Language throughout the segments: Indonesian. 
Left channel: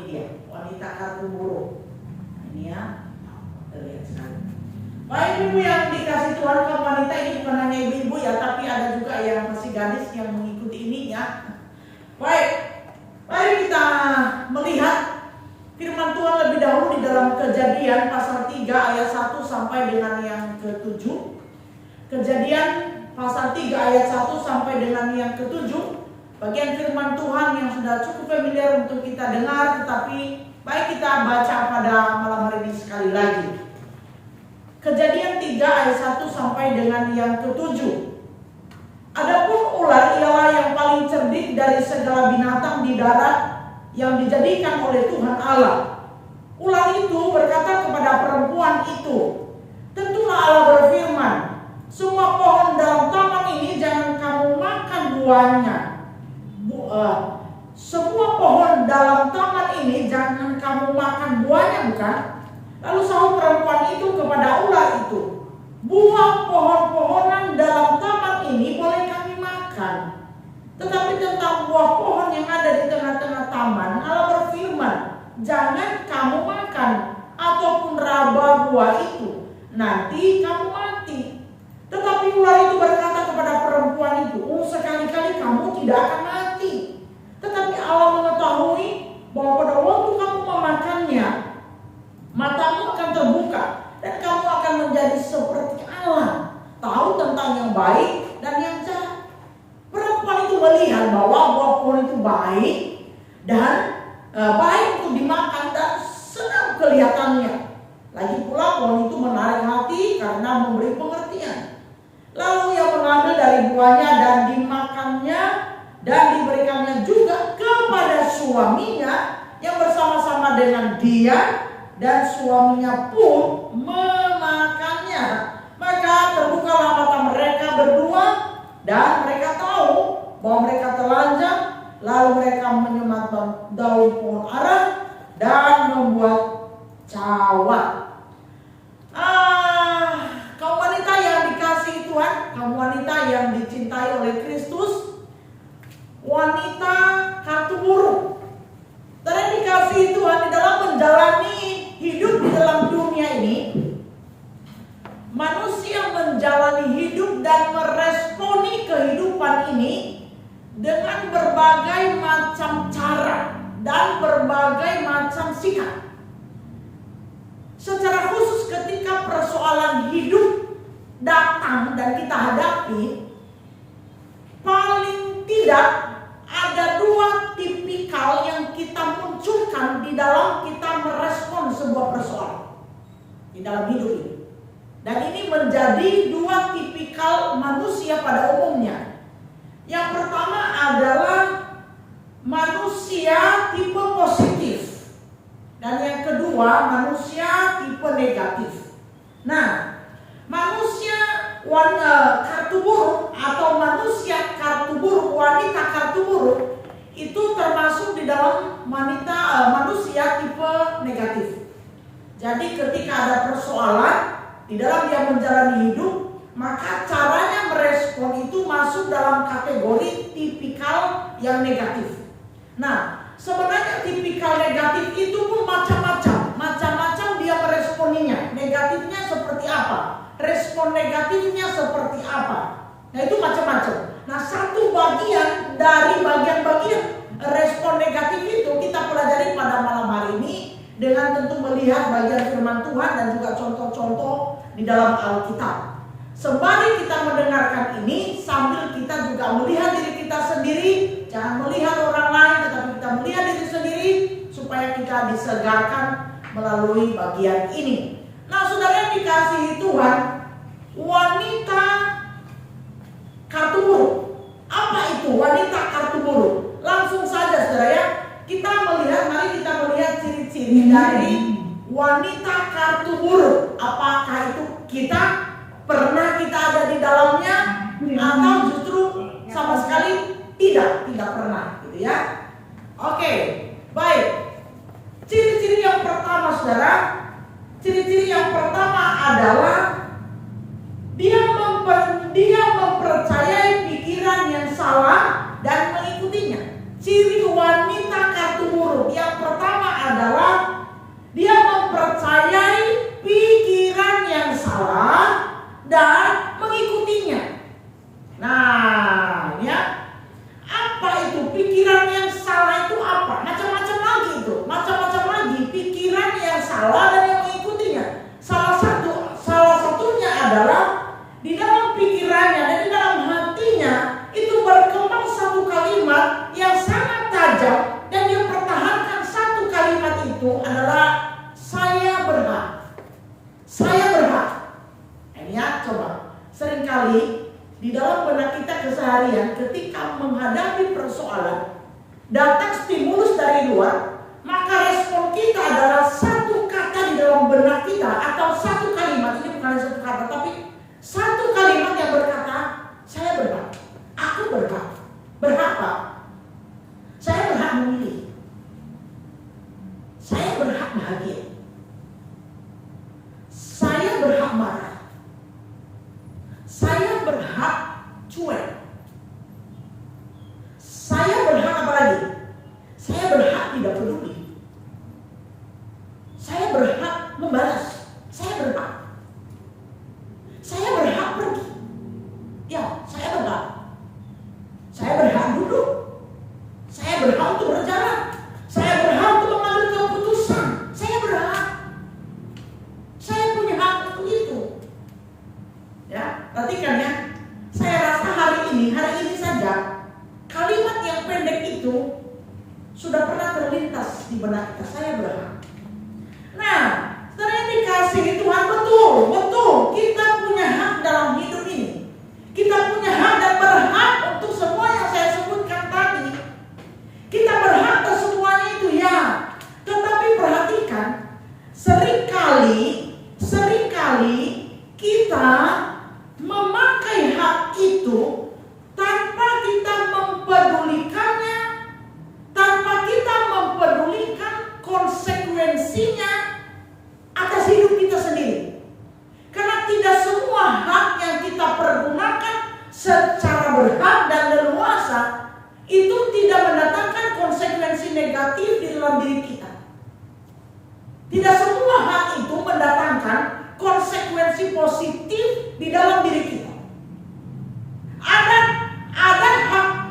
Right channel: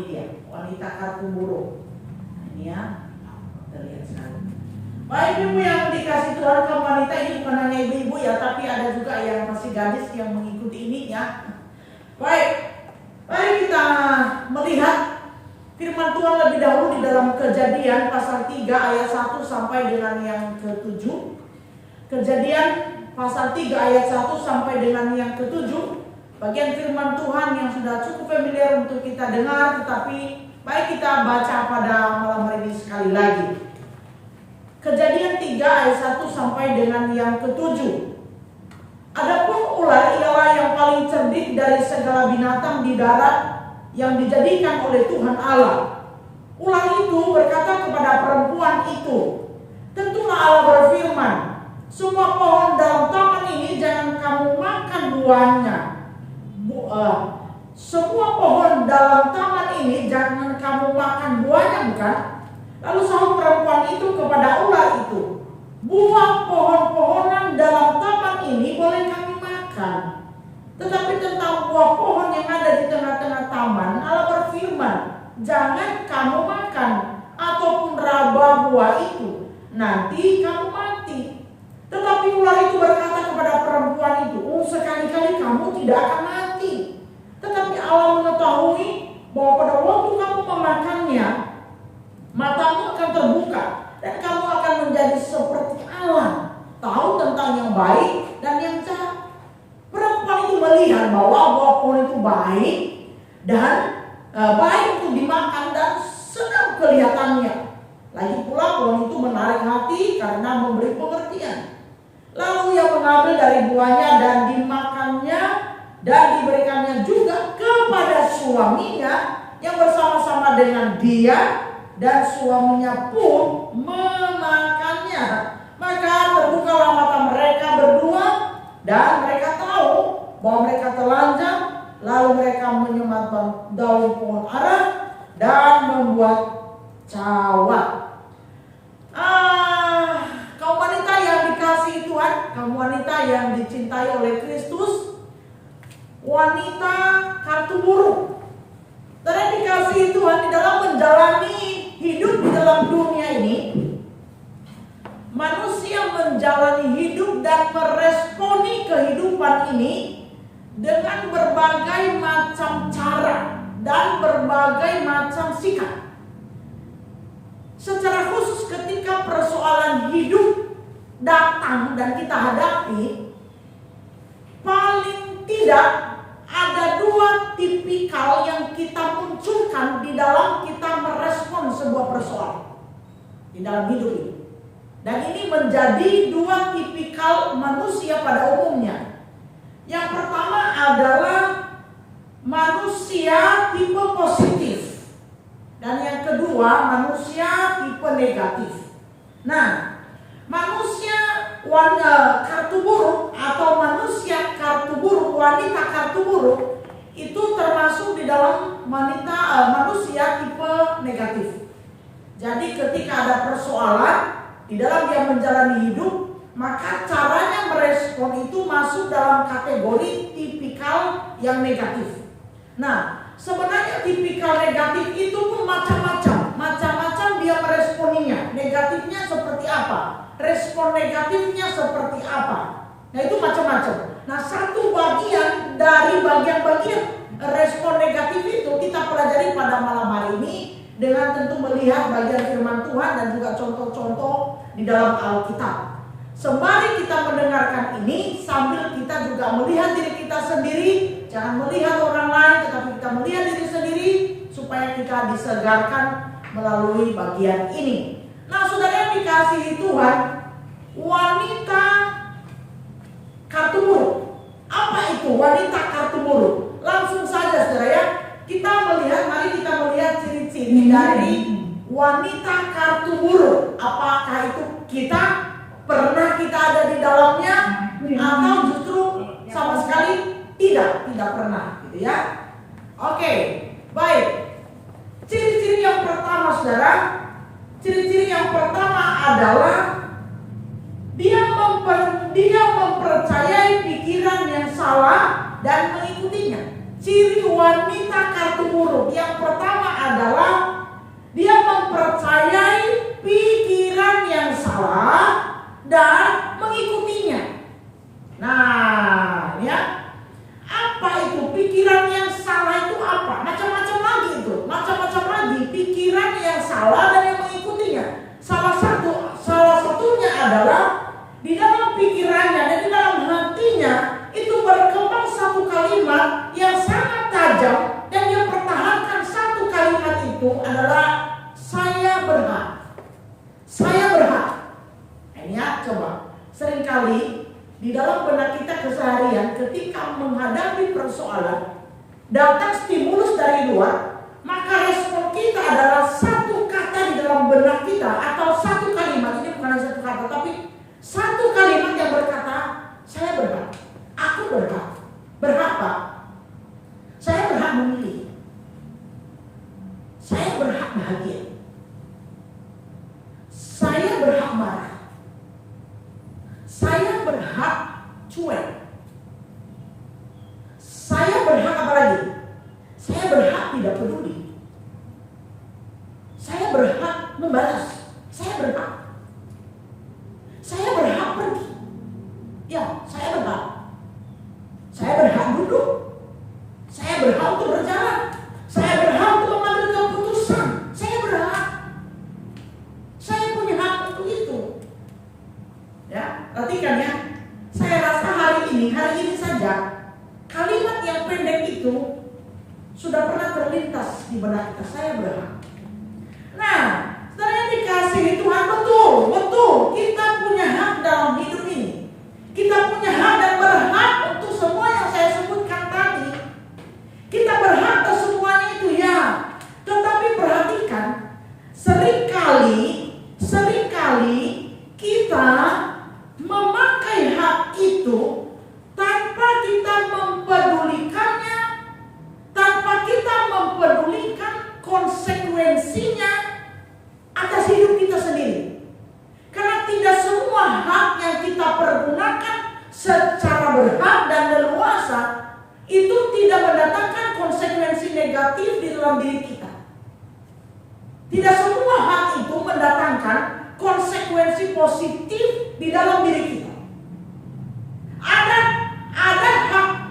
ini dia, wanita kartu buruk. Ini ya, kita lihat sekarang. Baik ibu yang dikasih Tuhan, kaum wanita ini bukan hanya ibu-ibu ya, tapi ada juga yang masih gadis yang mengikuti ini ya. Baik, mari kita melihat firman Tuhan lebih dahulu di dalam Kejadian pasal 3 ayat 1 sampai dengan yang ke-7. Kejadian pasal 3 ayat 1 sampai dengan yang ke-7. Bagian firman Tuhan yang sudah cukup familiar untuk kita dengar, tetapi baik kita baca pada malam hari ini sekali lagi. Kejadian 3 ayat 1 sampai dengan yang ke-7. Adapun ular ialah yang paling cerdik dari segala binatang di darat yang dijadikan oleh Tuhan Allah. Ular itu berkata kepada perempuan itu, tentulah Allah berfirman, semua pohon dalam taman ini jangan kamu makan buahnya. Semua pohon dalam taman ini jangan kamu makan buahnya, bukan? Lalu sahut perempuan itu kepada ular itu, buah pohon-pohonan dalam taman ini boleh kami makan, tetapi tentang buah pohon yang ada di tengah-tengah taman, Allah berfirman, jangan kamu makan ataupun raba buah itu, nanti kamu mati. Tetapi ular itu berkata kepada perempuan itu, sekali-kali kamu tidak akan mati. Tetapi Allah mengetahui bahwa pada waktu kamu memakannya, matamu akan terbuka dan kamu akan menjadi seperti Allah, tahu tentang yang baik dan yang jahat. Perempuan itu melihat bahwa buah pohon itu baik dan baik untuk dimakan dan sedap kelihatannya. Lagi pula pohon itu menarik hati karena memberi pengertian. Lalu ia mengambil dari buahnya dan dimakannya dan diberikannya juga kepada suaminya yang bersama-sama dengan dia, dan suaminya pun memakannya. Maka terbukalah mata mereka berdua dan mereka tahu bahwa mereka telanjang. Lalu mereka menyematkan daun pohon ara dan membuat cawat. Kaum wanita yang dikasihi Tuhan, kaum wanita yang dicintai oleh Kristus, wanita kartu buruk. Dan dikasihi Tuhan di dalam menjalani hidup di dalam dunia ini, manusia menjalani hidup dan meresponi kehidupan ini dengan berbagai macam cara dan berbagai macam sikap. Secara khusus ketika persoalan hidup datang dan kita hadapi, paling tidak ada dua tipikal yang kita munculkan di dalam kita merespon sebuah persoalan di dalam hidup ini. Dan ini menjadi dua tipikal manusia pada umumnya. Yang pertama adalah manusia tipe positif, dan yang kedua manusia tipe negatif. Nah, manusia kartu buruk atau manusia kartu buruk, wanita kartu buruk itu termasuk di dalam manusia tipe negatif. Jadi ketika ada persoalan di dalam dia menjalani hidup, maka caranya merespon itu masuk dalam kategori tipikal yang negatif. Nah, sebenarnya tipikal negatif itu pun macam-macam dia meresponinya. Negatifnya seperti apa? Respon negatifnya seperti apa? Nah, itu macam-macam. Nah, satu bagian dari bagian-bagian respon negatif itu kita pelajari pada malam hari ini dengan tentu melihat bagian firman Tuhan dan juga contoh-contoh di dalam Alkitab. Sembari kita mendengarkan ini, sambil kita juga melihat diri kita sendiri, jangan melihat orang lain, tetapi kita melihat diri sendiri supaya kita disegarkan melalui bagian ini. Nah, saudara yang dikasihi Tuhan, wanita kartu buruk. Apa itu wanita kartu buruk? Langsung saja saudara ya, mari kita melihat ciri-ciri dari wanita kartu buruk. Apakah itu pernah kita ada di dalamnya atau justru sama sekali tidak pernah gitu ya. Oke, baik. Ciri-ciri yang pertama saudara, ciri-ciri yang pertama adalah dia mempercayai pikiran yang salah dan mengikutinya. Ciri wanita kartu buruk yang pertama itu adalah saya berhak. Saya berhak. Ini ya, coba. Seringkali di dalam benak kita keseharian ketika menghadapi persoalan, datang stimulus dari luar, maka respon kita adalah satu kata di dalam benak kita atau satu kalimat. Ini bukan satu kata, tapi satu kalimat yang berkata, saya berhak. Aku berhak. Berhak Pak. Saya berhak memilih. Saya berhak bahagia. Saya berhak marah. Saya berhak cuek. Saya berhak apa lagi? Saya berhak tidak peduli. Saya berhak membalas. Saya berhak. Saya berhak pergi. Ya, saya berhak. Saya berhak duduk. Saya berhak untuk berjalan. Saya berhak untuk mengambil keputusan. Saya berhak. Saya punya hak untuk itu. Ya, perhatikan ya. Saya rasa hari ini saja kalimat yang pendek itu sudah pernah terlintas di benak kita. Saya berhak. Nah, sebenarnya dikasihi Tuhan, betul. Kita punya hak dalam hidup ini. Kita punya hak dan berhak untuk semua yang saya sebutkan tadi. Kita berhak atas semuanya itu ya. Tetapi perhatikan, seringkali kita memakai hak itu tanpa kita mempedulikannya, tanpa kita mempedulikan konsekuensinya atas hidup kita sendiri. Karena tidak semua hak yang kita pergunakan secara berhak dan leluasa itu tidak mendatangkan konsekuensi negatif di dalam diri kita. Tidak semua hak itu mendatangkan konsekuensi positif di dalam diri kita. Ada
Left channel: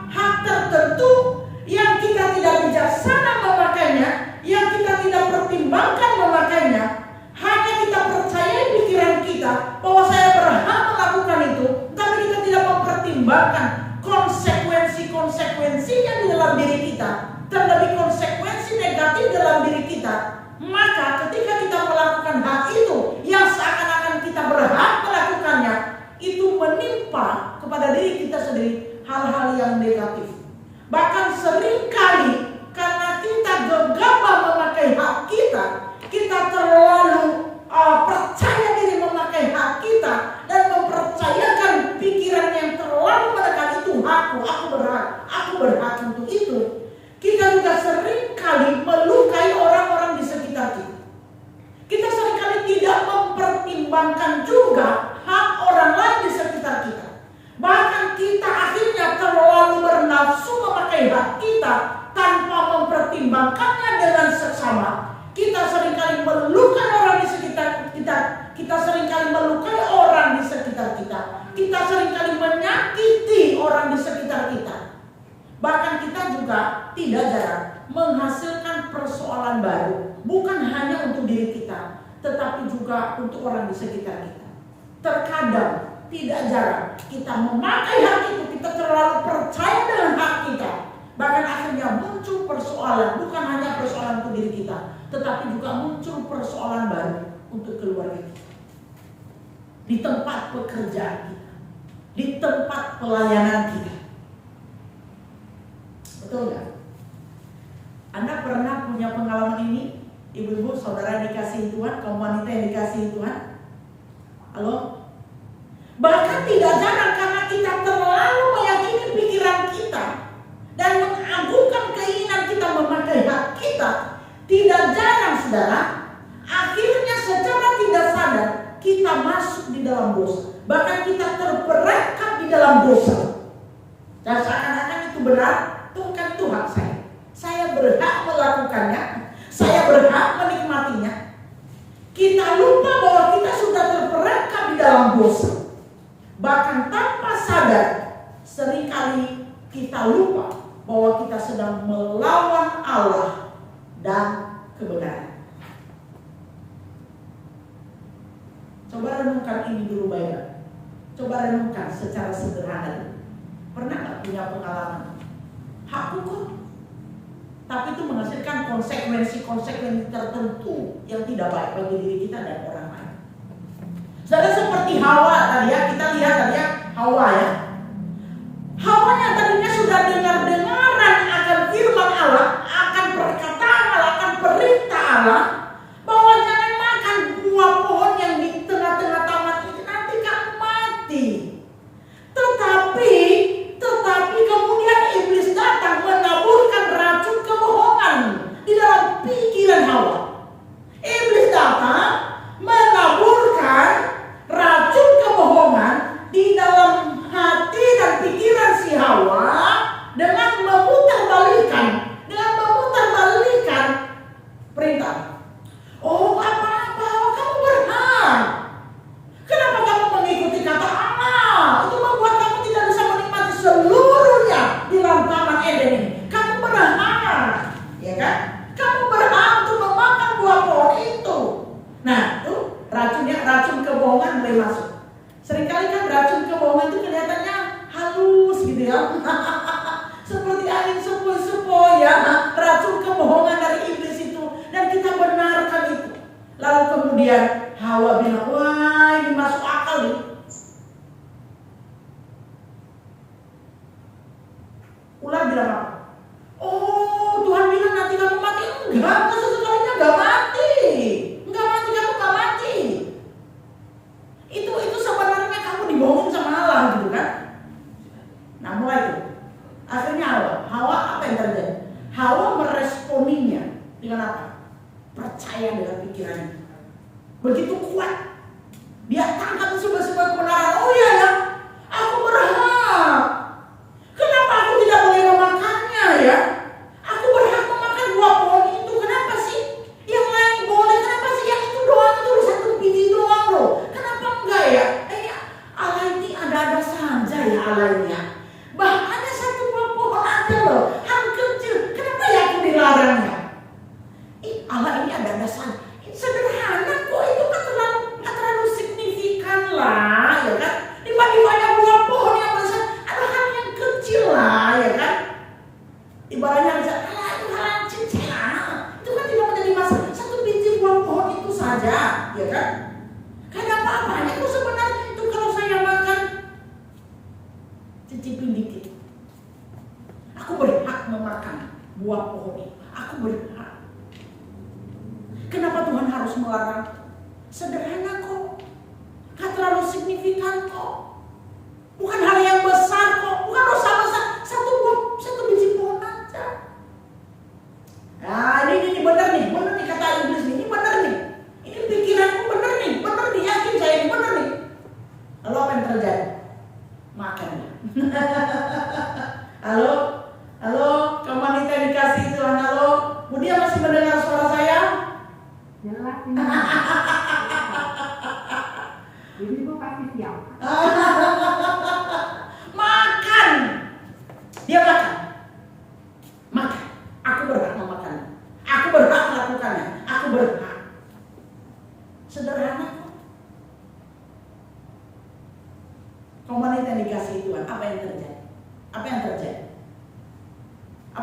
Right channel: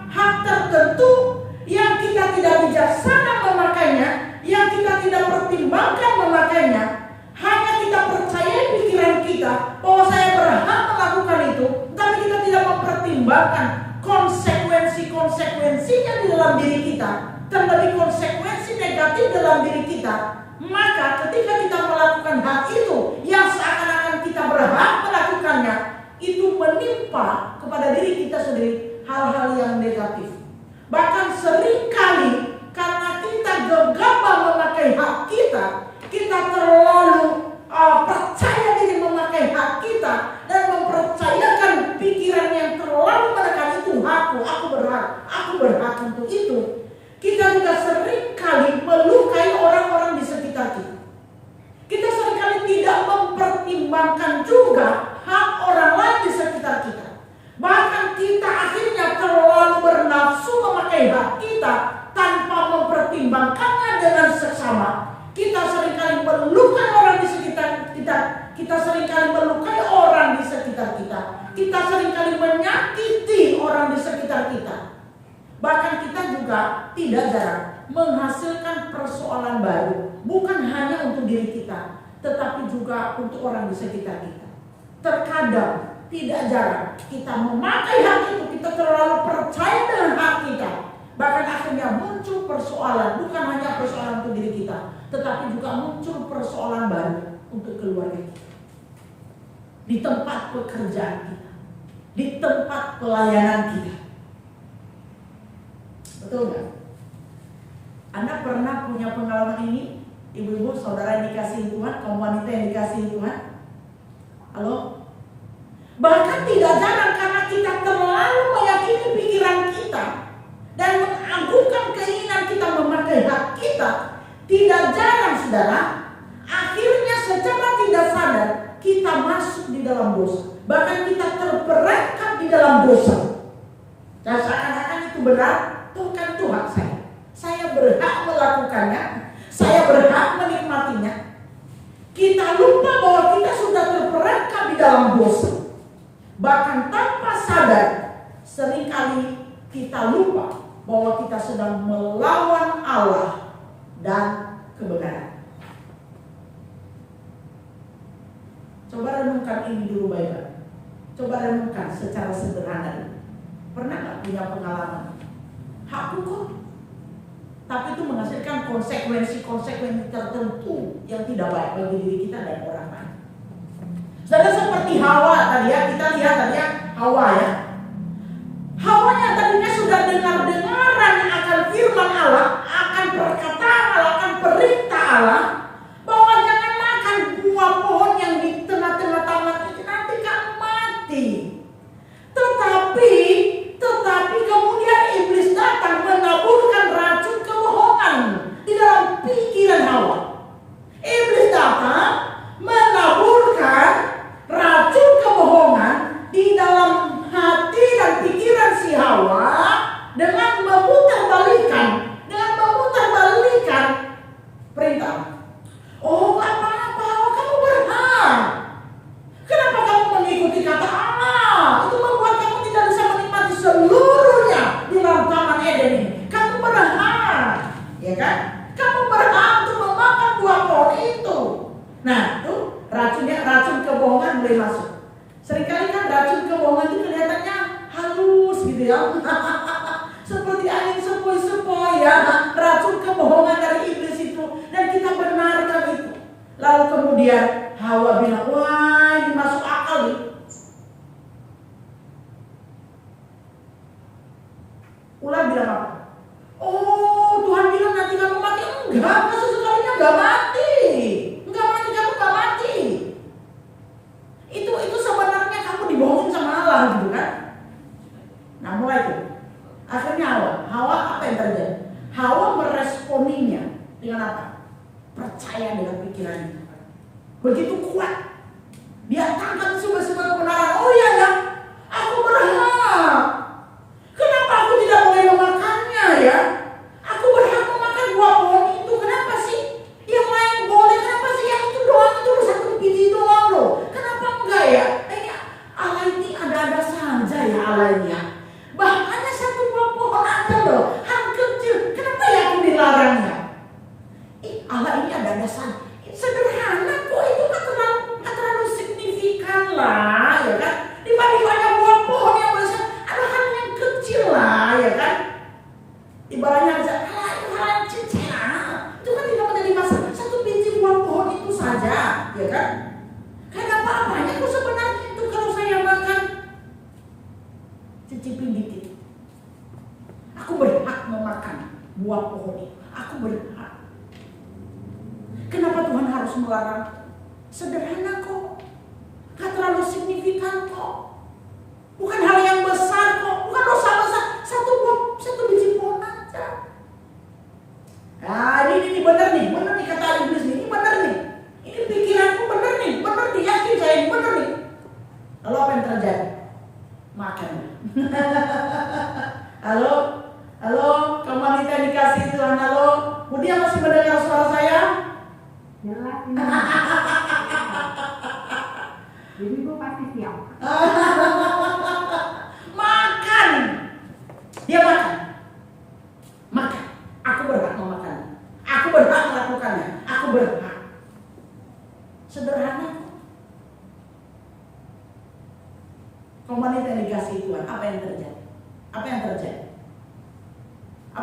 hak tertentu yang kita tidak bijaksana memakainya, yang kita tidak pertimbangkan memakainya. Hanya kita percaya pikiran kita bahwa saya berhak melakukan itu, tapi kita tidak mempertimbangkan konsekuensinya di dalam diri kita, terlebih konsekuensi negatif dalam diri kita. Maka ketika kita melakukan hal itu yang seakan-akan kita berhak melakukannya, itu menimpa kepada diri kita sendiri hal-hal yang negatif. Bahkan seringkali karena kita gegabah memakai hak kita, kita terlalu percaya diri memakai hak kita dan mempercayakan pikiran yang terlalu menekan itu aku berhak untuk itu. Kita juga seringkali melukai orang-orang di sekitar kita. Kita seringkali tidak mempertimbangkan juga hak orang lain di sekitar kita. Bahkan kita akhirnya terlalu bernafsu memakai hak kita tanpa mempertimbangkannya dengan seksama. Kita seringkali melukai orang di sekitar kita. Kita seringkali melukai orang di sekitar kita. Kita seringkali menyakiti orang di sekitar kita. Bahkan kita juga tidak jarang menghasilkan persoalan baru. Bukan hanya untuk diri kita, tetapi juga untuk orang di sekitar kita. Terkadang, tidak jarang kita memakai hak itu, kita terlalu percaya dengan hak kita. Bahkan akhirnya muncul persoalan, bukan hanya persoalan untuk diri kita, tetapi juga muncul persoalan baru untuk keluarga kita. Di tempat pekerjaan kita, di tempat pelayanan kita. Betul gak? Anda pernah punya pengalaman ini? Ibu-ibu, saudara yang dikasihi Tuhan, kaum wanita yang dikasihi Tuhan? Halo? Bahkan tidak jarang karena kita terlalu meyakini pikiran kita dan mengagungkan keinginan kita memakai hak kita, tidak jarang saudara, akhirnya secara tidak sadar kita masuk di dalam dosa. Bahkan kita terperangkap di dalam dosa. Dan seakan-akan itu benar, bukan Tuhan saya berhak melakukannya, saya berhak menikmatinya. Kita lupa bahwa kita sudah terperangkap di dalam dosa. Bahkan tanpa sadar, seringkali kita lupa bahwa kita sedang melawan Allah dan kebenaran. Coba renungkan ini dulu baik-baik. Coba renungkan secara sederhana. Pernah gak punya pengalaman? Hakku kok, tapi itu menghasilkan konsekuensi tertentu yang tidak baik bagi diri kita dan orang lain. Saudara, seperti Hawa tadi ya, kita lihat tadi ya, Hawa ya. Hawa yang tadinya sudah dengar-dengaran akan firman Allah, akan perkataan Allah, akan perintah Allah, bahwa jangan makan buah pohon yang di tengah-tengah taman itu, nanti kamu mati. Tetapi kemudian iblis datang menaburkan racun kebohongan di dalam pikiran Hawa. Iblis datang menaburkan racun kebohongan di dalam hati dan pikiran si Hawa dengan memutarbalikkan perintah. Oh, apa-apa, kamu berhak. Kenapa kamu mengikuti kata Allah? Itu membuat kamu tidak bisa menikmati seluruhnya di dalam taman Eden ini. Kamu berhak, ya kan? Kamu berhak untuk memakan buah pohon itu. Nah, tuh racun kebohongan mulai masuk. Seringkali kan racun kebohongan itu kelihatannya halus gitu ya. Seperti angin sepoi-sepoi ya. Racun kebohongan dari iblis itu. Dan kita benarkan itu. Lalu kemudian Hawa bilang, wah ini masuk akal nih. Ular bilang apa? Oh, Tuhan bilang nanti kamu mati. Enggak, sesekalinya enggak mati. Kamu enggak mati. Itu sebenarnya kamu dibohongin sama Allah gitu kan. Nah, mulai itu. Akhirnya Hawa apa yang terjadi? Hawa meresponinya dengan apa? Percaya dengan pikirannya. Begitu kuat. Dia tangkap sebuah kebenaran. Oh iya ya, aku berhak. Kenapa aku tidak boleh memakannya ya? Aku berhak memakan buah pohon itu. Kenapa sih? Yang lain boleh. Kenapa sih yang itu doang? Itu satu biji doang loh. Kenapa enggak ya? Allah ini ada-ada saja ya Allah ini ya. Hanya satu buah pohon aja loh. Hal kecil. Kenapa ya aku dilarangnya? Allah ini ada-ada saja. Sederhana kok, itu kan terlalu signifikan lah, ya kan? Dibanding banyak buah pohon yang besar, ada hal yang kecil lah, ya kan? Ibaratnya bisa, itu hal yang kecil lah. Itu kan tidak menjadi masalah. Satu biji buah pohon itu saja, ya kan? Kan apa-apanya kok sebenarnya itu kalau saya makan. Cicipin dikit. Aku berhak memakan buah pohon itu. Aku berhak. Kenapa Tuhan harus melarang? Sederhana kok. Gak terlalu signifikan kok. Bukan hal yang besar kok. Bukan dosa besar. Satu biji pohon aja. Nah ini benar nih kata iblis nih. Ini benar nih. Ini pikiranku benar nih. Yakin saya ini benar nih. Lalu apa yang terjadi? Makan. Halo, kamu wanita yang dikasih Tuhan. Halo, Budia masih mendengar suara saya? Jelas ini. Jadi gue pasti siap. Makan. Dia makan. Aku berhak memakan. Aku berhak melakukannya. Aku berhak. Sederhana kok. Kamu wanita yang dikasih Tuhan. Apa yang terjadi? Apa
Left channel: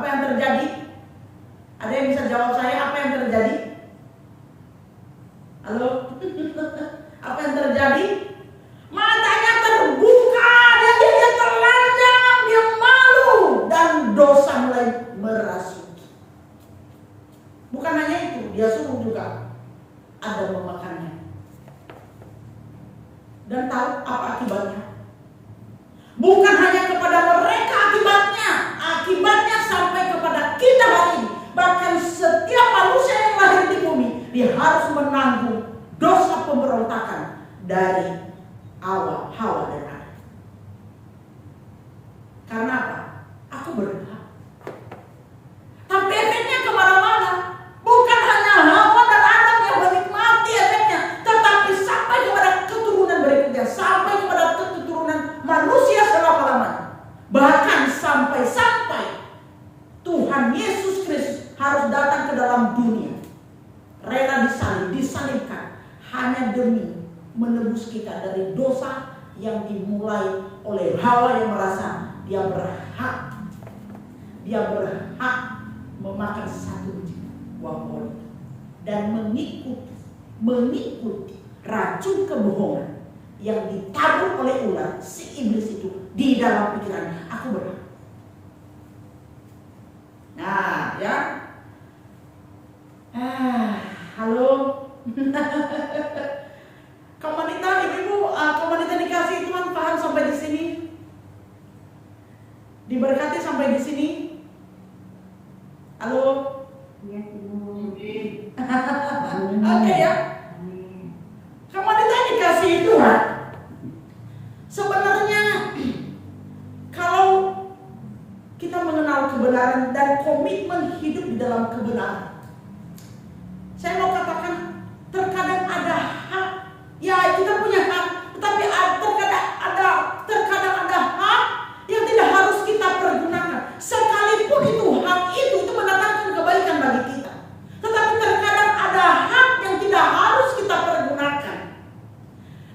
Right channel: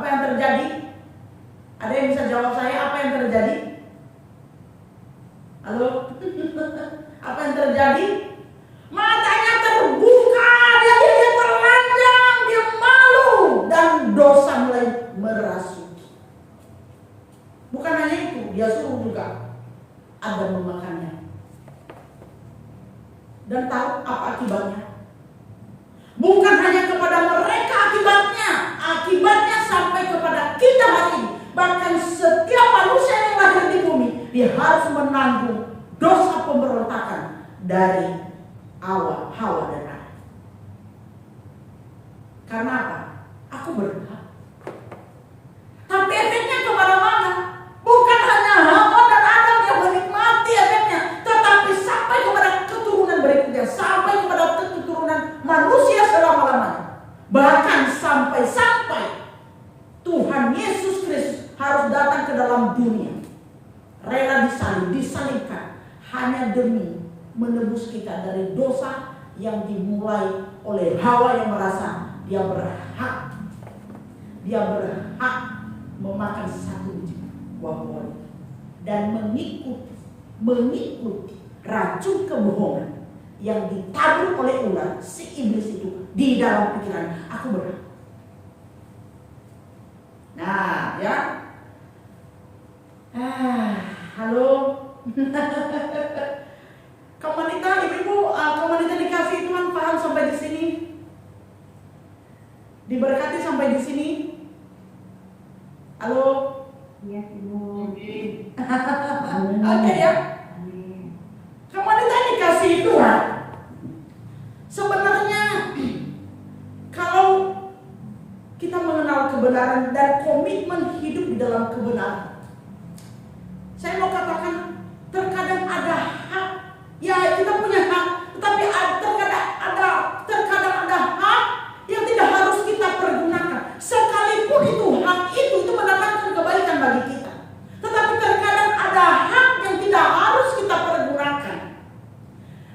yang terjadi? Ada yang bisa jawab saya? Apa yang terjadi? Halo? Apa yang terjadi? Matanya terbuka, dia telanjang, dia malu, dan dosa mulai merasuki. Bukan hanya itu, dia suruh juga ada memakannya. Dan tahu apa akibatnya? Bukan hanya kepada mereka akibatnya sampai kepada kita hari ini. Bahkan setiap manusia yang lahir di bumi, dia harus menanggung dosa pemberontakan dari Hawa dan Adam. Karena apa? Aku berhak. Tapi efeknya kemana-mana. Bukan hanya Hawa dan Adam yang menikmati efeknya, tetapi sampai kepada keturunan berikutnya, sampai kepada keturunan manusia selama-lamanya. Bahkan sampai Tuhan Yesus Kristus harus datang ke dalam dunia, rela disalibkan hanya demi menebus kita dari dosa yang dimulai oleh Hawa yang merasa dia berhak memakan satu biji. dan mengikuti racun kebohongan yang ditabur oleh ular si iblis itu di dalam pikiran. Aku berhak. Nah, ya. Halo. Kaum wanita, ibu-ibu, kaum wanita dikasih Tuhan, paham sampai di sini? Diberkati sampai di sini? Halo. Iya, Ibu. Oke ya. Kaum wanita dikasih Tuhan. Sebenarnya kalau kita mengenal kebenaran dan komitmen hidup di dalam kebenaran, saya mau katakan terkadang ada hak. Ya, kita punya hak, tetapi terkadang ada hak yang tidak harus kita pergunakan. Sekalipun itu mendatangkan kebaikan bagi kita. Tetapi terkadang ada hak yang tidak harus kita pergunakan.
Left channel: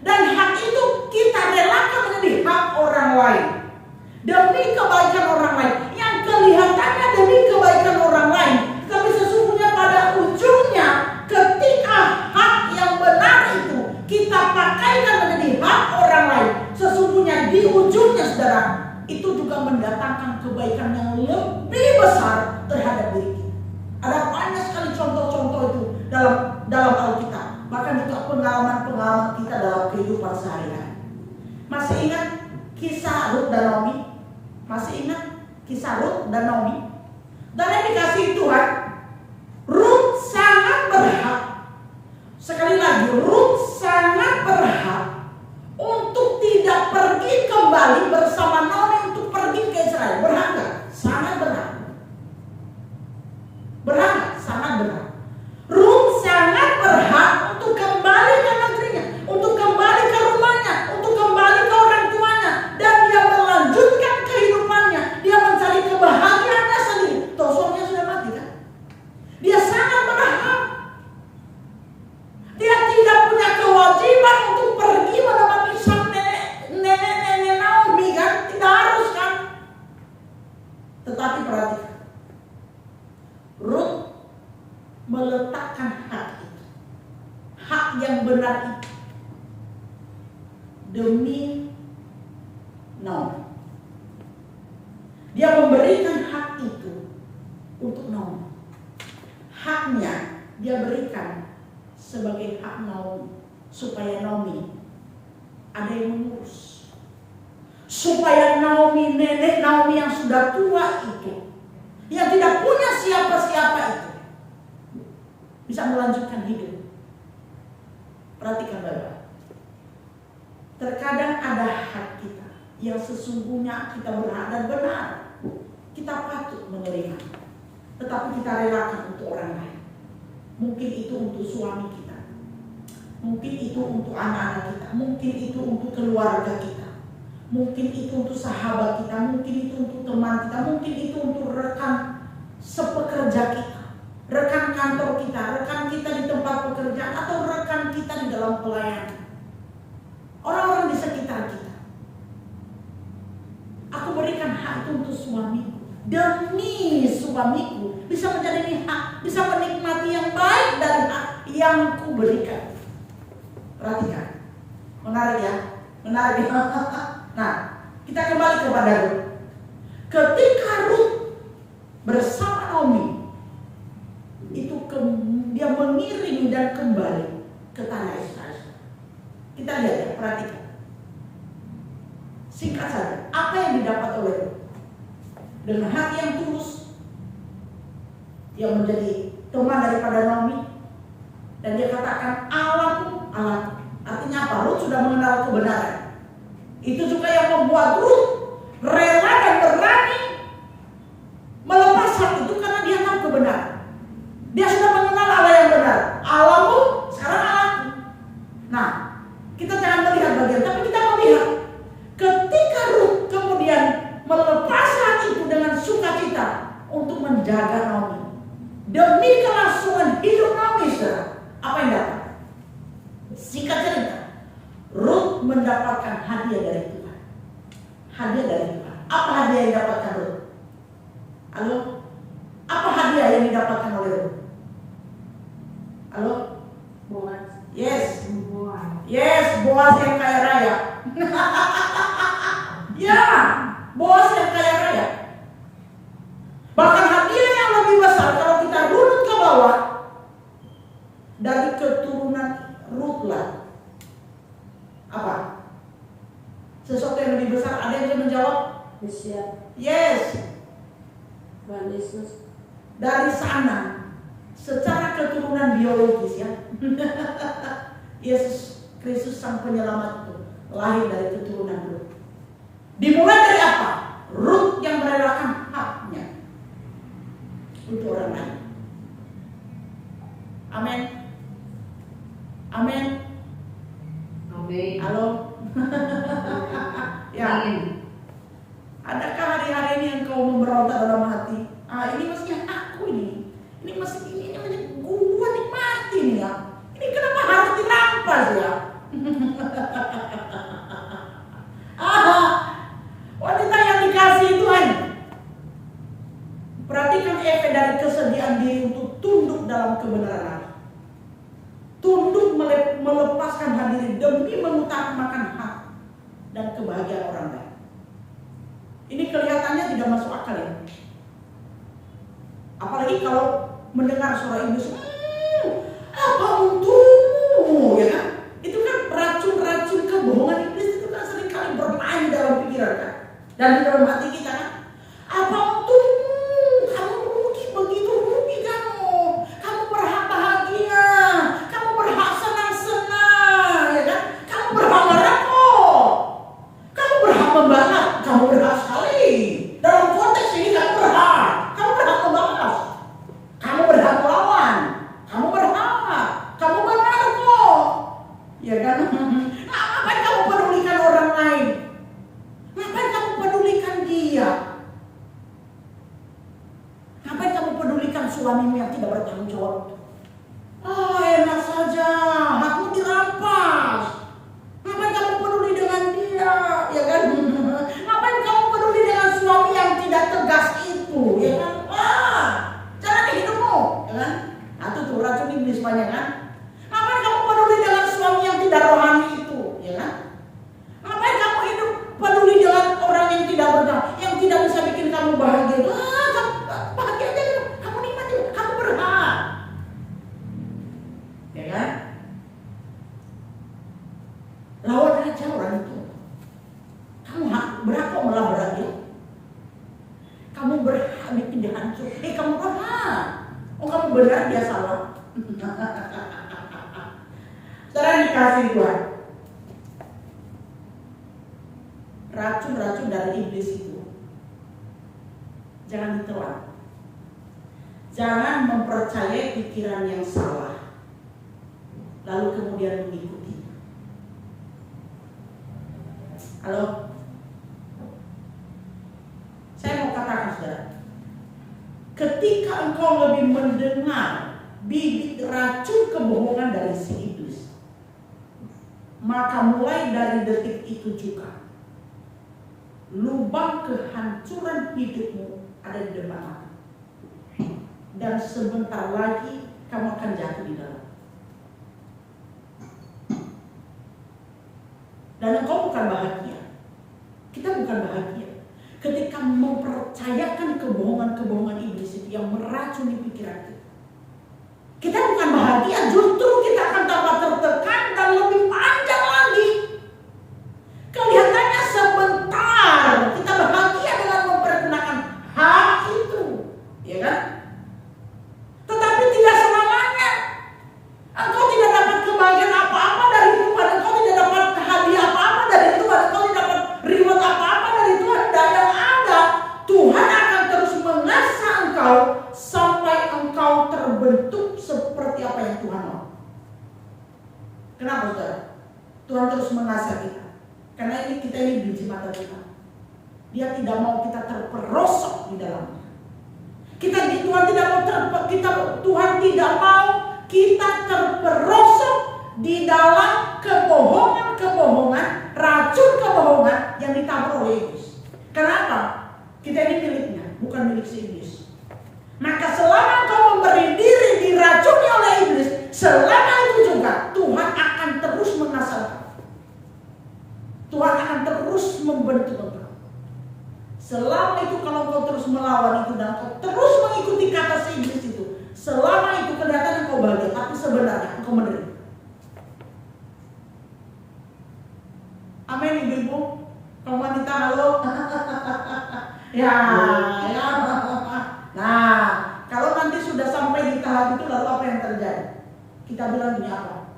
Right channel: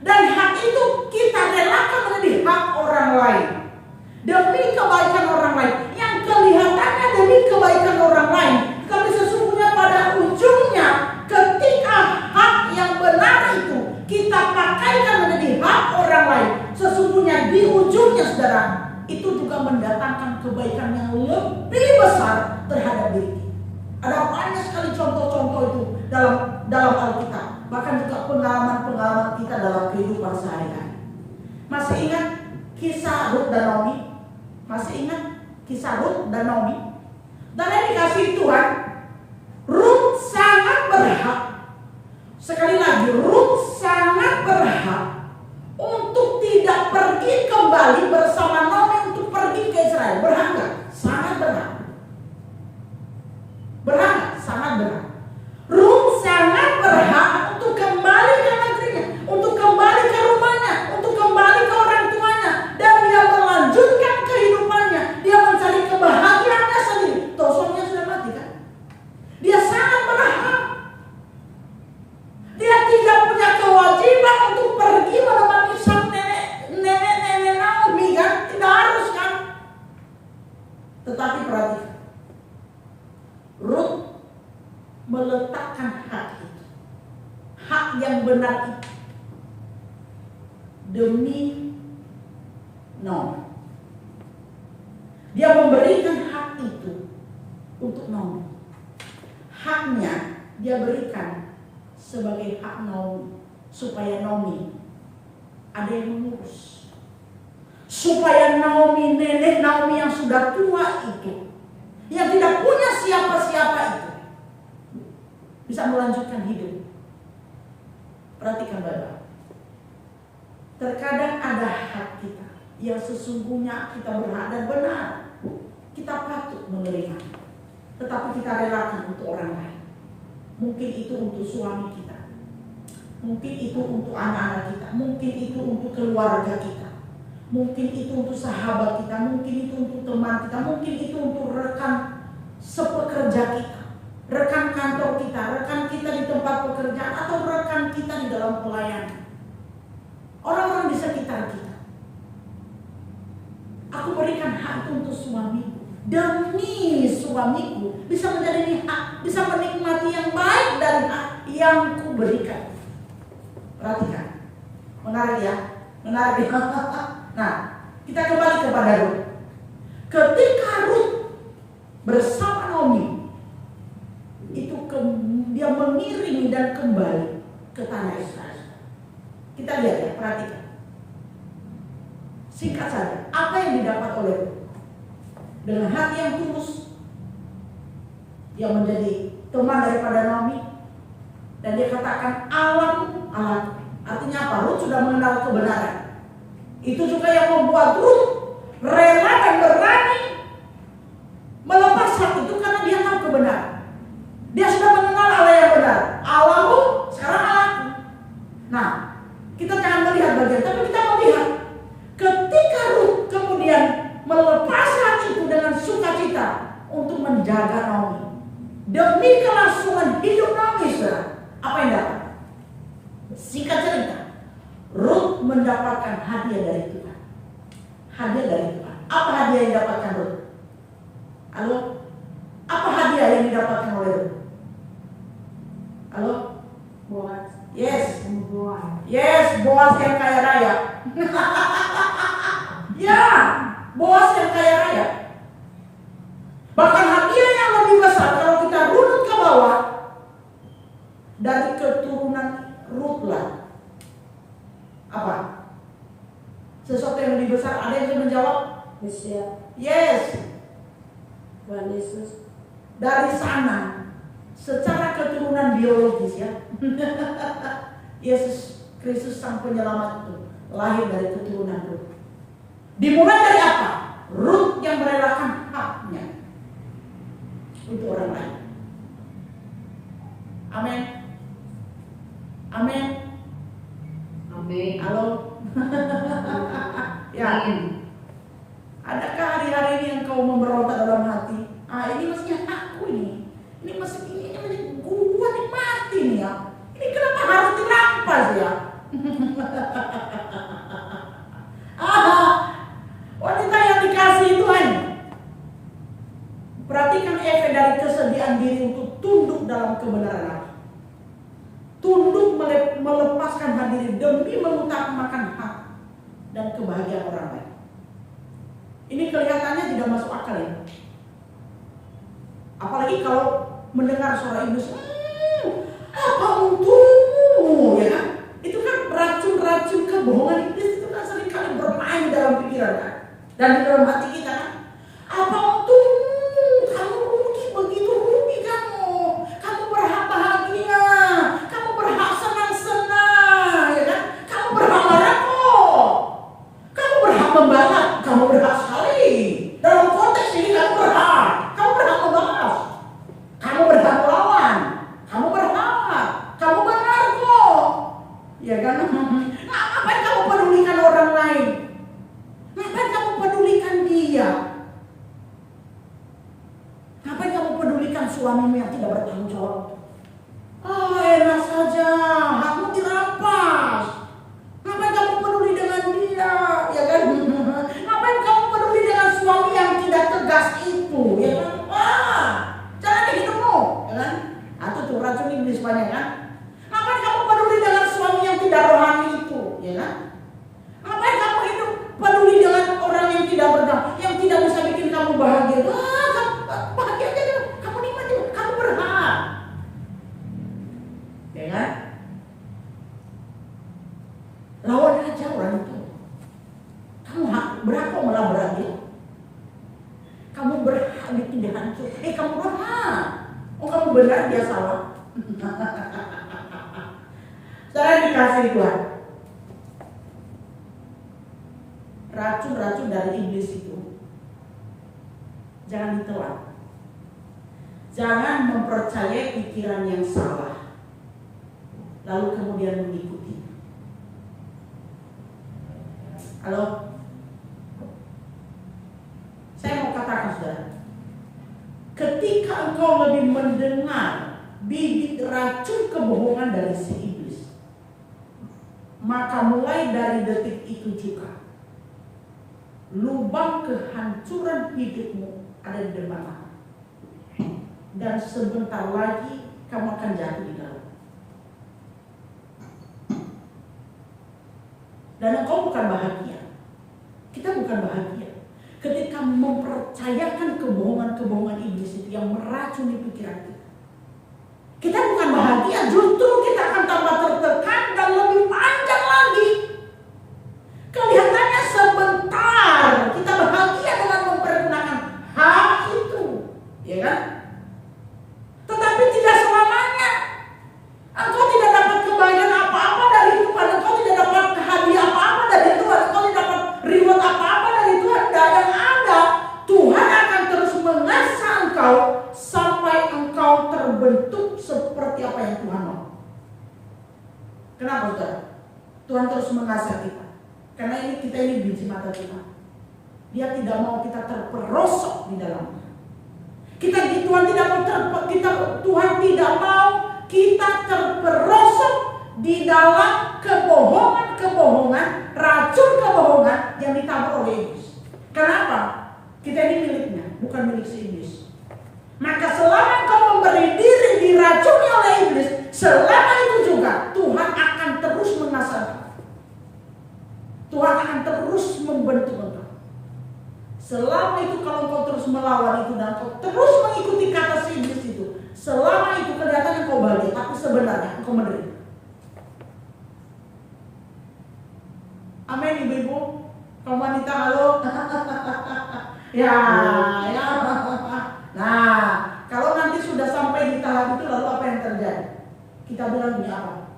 Dan hak itu kita relakan menjadi hak orang lain. Demi kebaikan orang lain. Yang kelihatannya demi kebaikan orang lain. Tapi sesungguhnya pada ujungnya ketika hak yang benar itu kita pakaikan menjadi hak orang lain, sesungguhnya di ujungnya saudara, itu juga mendatangkan kebaikan yang lebih besar terhadap diri kita. Ada banyak sekali contoh-contoh itu dalam Alkitab, bahkan juga pengalaman-pengalaman kita dalam kehidupan sehari-hari. Masih ingat kisah Rut dan Naomi? Masih ingat kisah Rut dan Naomi? Dan yang dikasih Tuhan, Rut sangat berhak. Sekali lagi, Rut sangat berhak untuk tidak pergi kembali bersama Naomi untuk pergi ke Israel. Berhak gak? Sangat berhak. Berhak, sangat berhak. Rut sangat berhak untuk kembali ke negerinya, untuk kembali ke rumahnya, untuk kembali ke orang tuanya, dan dia melanjutkan kehidupannya. Dia mencari kebahagiaannya sendiri. Toh suaminya sudah mati kan? Dia sangat berhak. Dia tidak punya kewajiban untuk pergi menemani sang nenek Naomi kan? Tidak harus kan? Tetapi perhatikan, Rut meletakkan hak itu, hak yang benar itu, demi Naomi. Dia memberikan hak itu untuk Naomi. Haknya dia berikan sebagai hak Naomi, supaya Naomi ada yang mengurus, supaya Naomi, nenek Naomi yang sudah tua itu, yang tidak punya siapa-siapa itu, bisa melanjutkan hidup. Perhatikan baik-baik. Terkadang ada hak kita yang sesungguhnya kita berhak dan benar, kita patut menerima, tetapi kita relakan untuk orang lain. Mungkin itu untuk suami kita, mungkin itu untuk anak-anak kita, mungkin itu untuk keluarga kita, mungkin itu untuk sahabat kita, mungkin itu untuk teman kita, mungkin itu untuk rekan sepekerja kita, rekan kantor kita, rekan kita di tempat pekerjaan, atau rekan kita di dalam pelayanan, orang-orang di sekitar kita. Aku berikan hak itu untuk suamiku, demi suamiku bisa menjadi hak, bisa menikmati yang baik dari hak yang ku berikan. Perhatikan, menarik ya, menarik ya. Nah, kita kembali kepada Rut. Ketika Rut bersama Naomi itu dia mengiring dan kembali ke tanah Israel. Kita lihat ya, perhatikan. Singkat saja, apa yang didapat oleh Rut? Dengan hati yang tulus, dia menjadi teman daripada Naomi, dan dia katakan Allahku, Allahku. Artinya apa? Rut sudah mengenal kebenaran. Itu juga yang membuat Rut rela dan berani melepas hak itu, karena dia tahu kebenaran. Dia sudah mengenal Allah yang benar. Allahmu, sekarang Allahku. Nah, kita jangan melihat bagian, tapi kita melihat ketika Rut kemudian melepas hak itu dengan sukacita untuk menjaga Naomi, demi kelangsungan hidup Naomi, saudara. Apa yang dapat? Singkat cerita, Rut mendapatkan hadiah dari Tuhan. Hadiah dari Tuhan. Apa hadiah yang didapatkan Rut? Halo? Apa hadiah yang didapatkan oleh Rut? Boas yang kaya raya. Ya, Boas yang kaya raya. Bahkan hadiah yang lebih besar kalau kita runut ke bawah, dari keturunan Rut lah. Apa? Sesuatu yang lebih besar. Ada yang bisa menjawab? Yes. Tuhan Yesus. Dari sana, secara keturunan biologis ya, Yesus Kristus sang penyelamat itu lahir dari keturunan Rut. Dimulai dari apa? Rut yang merelakan haknya untuk orang lain. Amin. Amin. Amin. Halo. Ya. Amin. Adakah hari-hari ini engkau memberontak dalam hati? Ini mestinya aku ini. Ini mesti gua nikmati nih ya. Ini kenapa harus dirampas ya? Wanita yang dikasih Tuhan. Perhatikan efek dari kesediaan diri untuk tunduk dalam kebenaran Allah. Tunduk melepaskan hati demi mengutamakan hak dan kebahagiaan orang lain. Ini kelihatannya tidak masuk akal ya. Apalagi kalau mendengar suara iblis, apa untungmu, ya kan? Itu kan racun-racun kebohongan iblis itu kan seringkali bermain dalam pikiran kan, dan di dalam hati kita kan. Apa untungmu? Kamu rugi, begitu rugi kamu berhak bahagia, kamu berhak senang-senang, ya kan? Kamu berhak marah kok, kamu berhak membalas, kamu berhak sekali. Dalam konteks ini kamu berhak membalas, kamu berhak melawan, kamu berhak, kamu benar kok, ya kan? Ngapain kamu pedulikan orang lain? Ngapain kamu pedulikan dia? Ngapain kamu pedulikan suamimu yang tidak bertanggung jawab? Enak saja, hakmu dirampas. Ngapain kamu peduli dengan dia, ya kan? Ngapain kamu peduli dengan suami yang tidak tegas itu, ya kan? Jangan hidupmu, ya kan? Itu tuh racun iblis banyak kan? Ngapain kamu peduli dengan suami yang tidak rohani itu, ya kan? Ngapain kamu hidup peduli dengan orang yang tidak berdamai, yang tidak bisa bikin kamu bahagia? Kamu bahagia aja, kamu nikmati, kamu berhak, ya kan? Lawan aja orang itu. Kamu berhak kok melabrak dia. Kamu berhak bikin dia hancur. Kamu berhak. Kamu benar, dia salah. Saudara dikasih Tuhan. Racun-racun dari iblis itu jangan ditelan. Jangan mempercayai pikiran yang salah, lalu kemudian mengikuti. Halo? Saya mau katakan saudara, ketika engkau lebih mendengar bibit racun kebohongan dari si iblis, maka mulai dari detik itu juga lubang kehancuran hidupmu ada di depan mata. Dan sebentar lagi kamu akan jatuh di dalam. Dan engkau bukan bahagia. Kita bukan bahagia ketika mempercayakan kebohongan-kebohongan iblis itu yang meracuni pikiran kita. Kita bukan bahagia, justru kita akan tambah tertekan dan lebih panjang lagi. Kelihatannya sebentar kita bahagia dengan mempergunakan hak itu, ya kan? Tetapi tidak selamanya. Engkau tidak dapat kebahagiaan apa-apa dari Tuhan, engkau tidak dapat hadiah apa-apa dari Tuhan, engkau tidak dapat reward apa-apa dari Tuhan. Dan yang ada, Tuhan akan terus mengasah engkau sampai engkau terbentuk seperti apa yang Tuhan mau. Kenapa saudara? Tuhan terus mengasah kita. Karena kita ini biji mata Tuhan. Dia tidak mau kita terperosok di dalamnya. Tuhan tidak mau kita terperosok di dalam kebohongan, racun kebohongan yang ditabur oleh iblis. Kenapa? Kita ini miliknya, bukan milik si iblis. Maka selama kau memberi diri diracuni oleh iblis, selama itu juga Tuhan akan terus mengasah. melawan itu dan kau terus mengikuti kata si iblis itu, selama itu kelihatannya kau bahagia, tapi sebenarnya engkau menderita. Amin ibu-ibu, kaum wanita halo. ya. Nah, kalau nanti sudah sampai di tahap itu lalu apa yang terjadi? Kita bilang gini apa?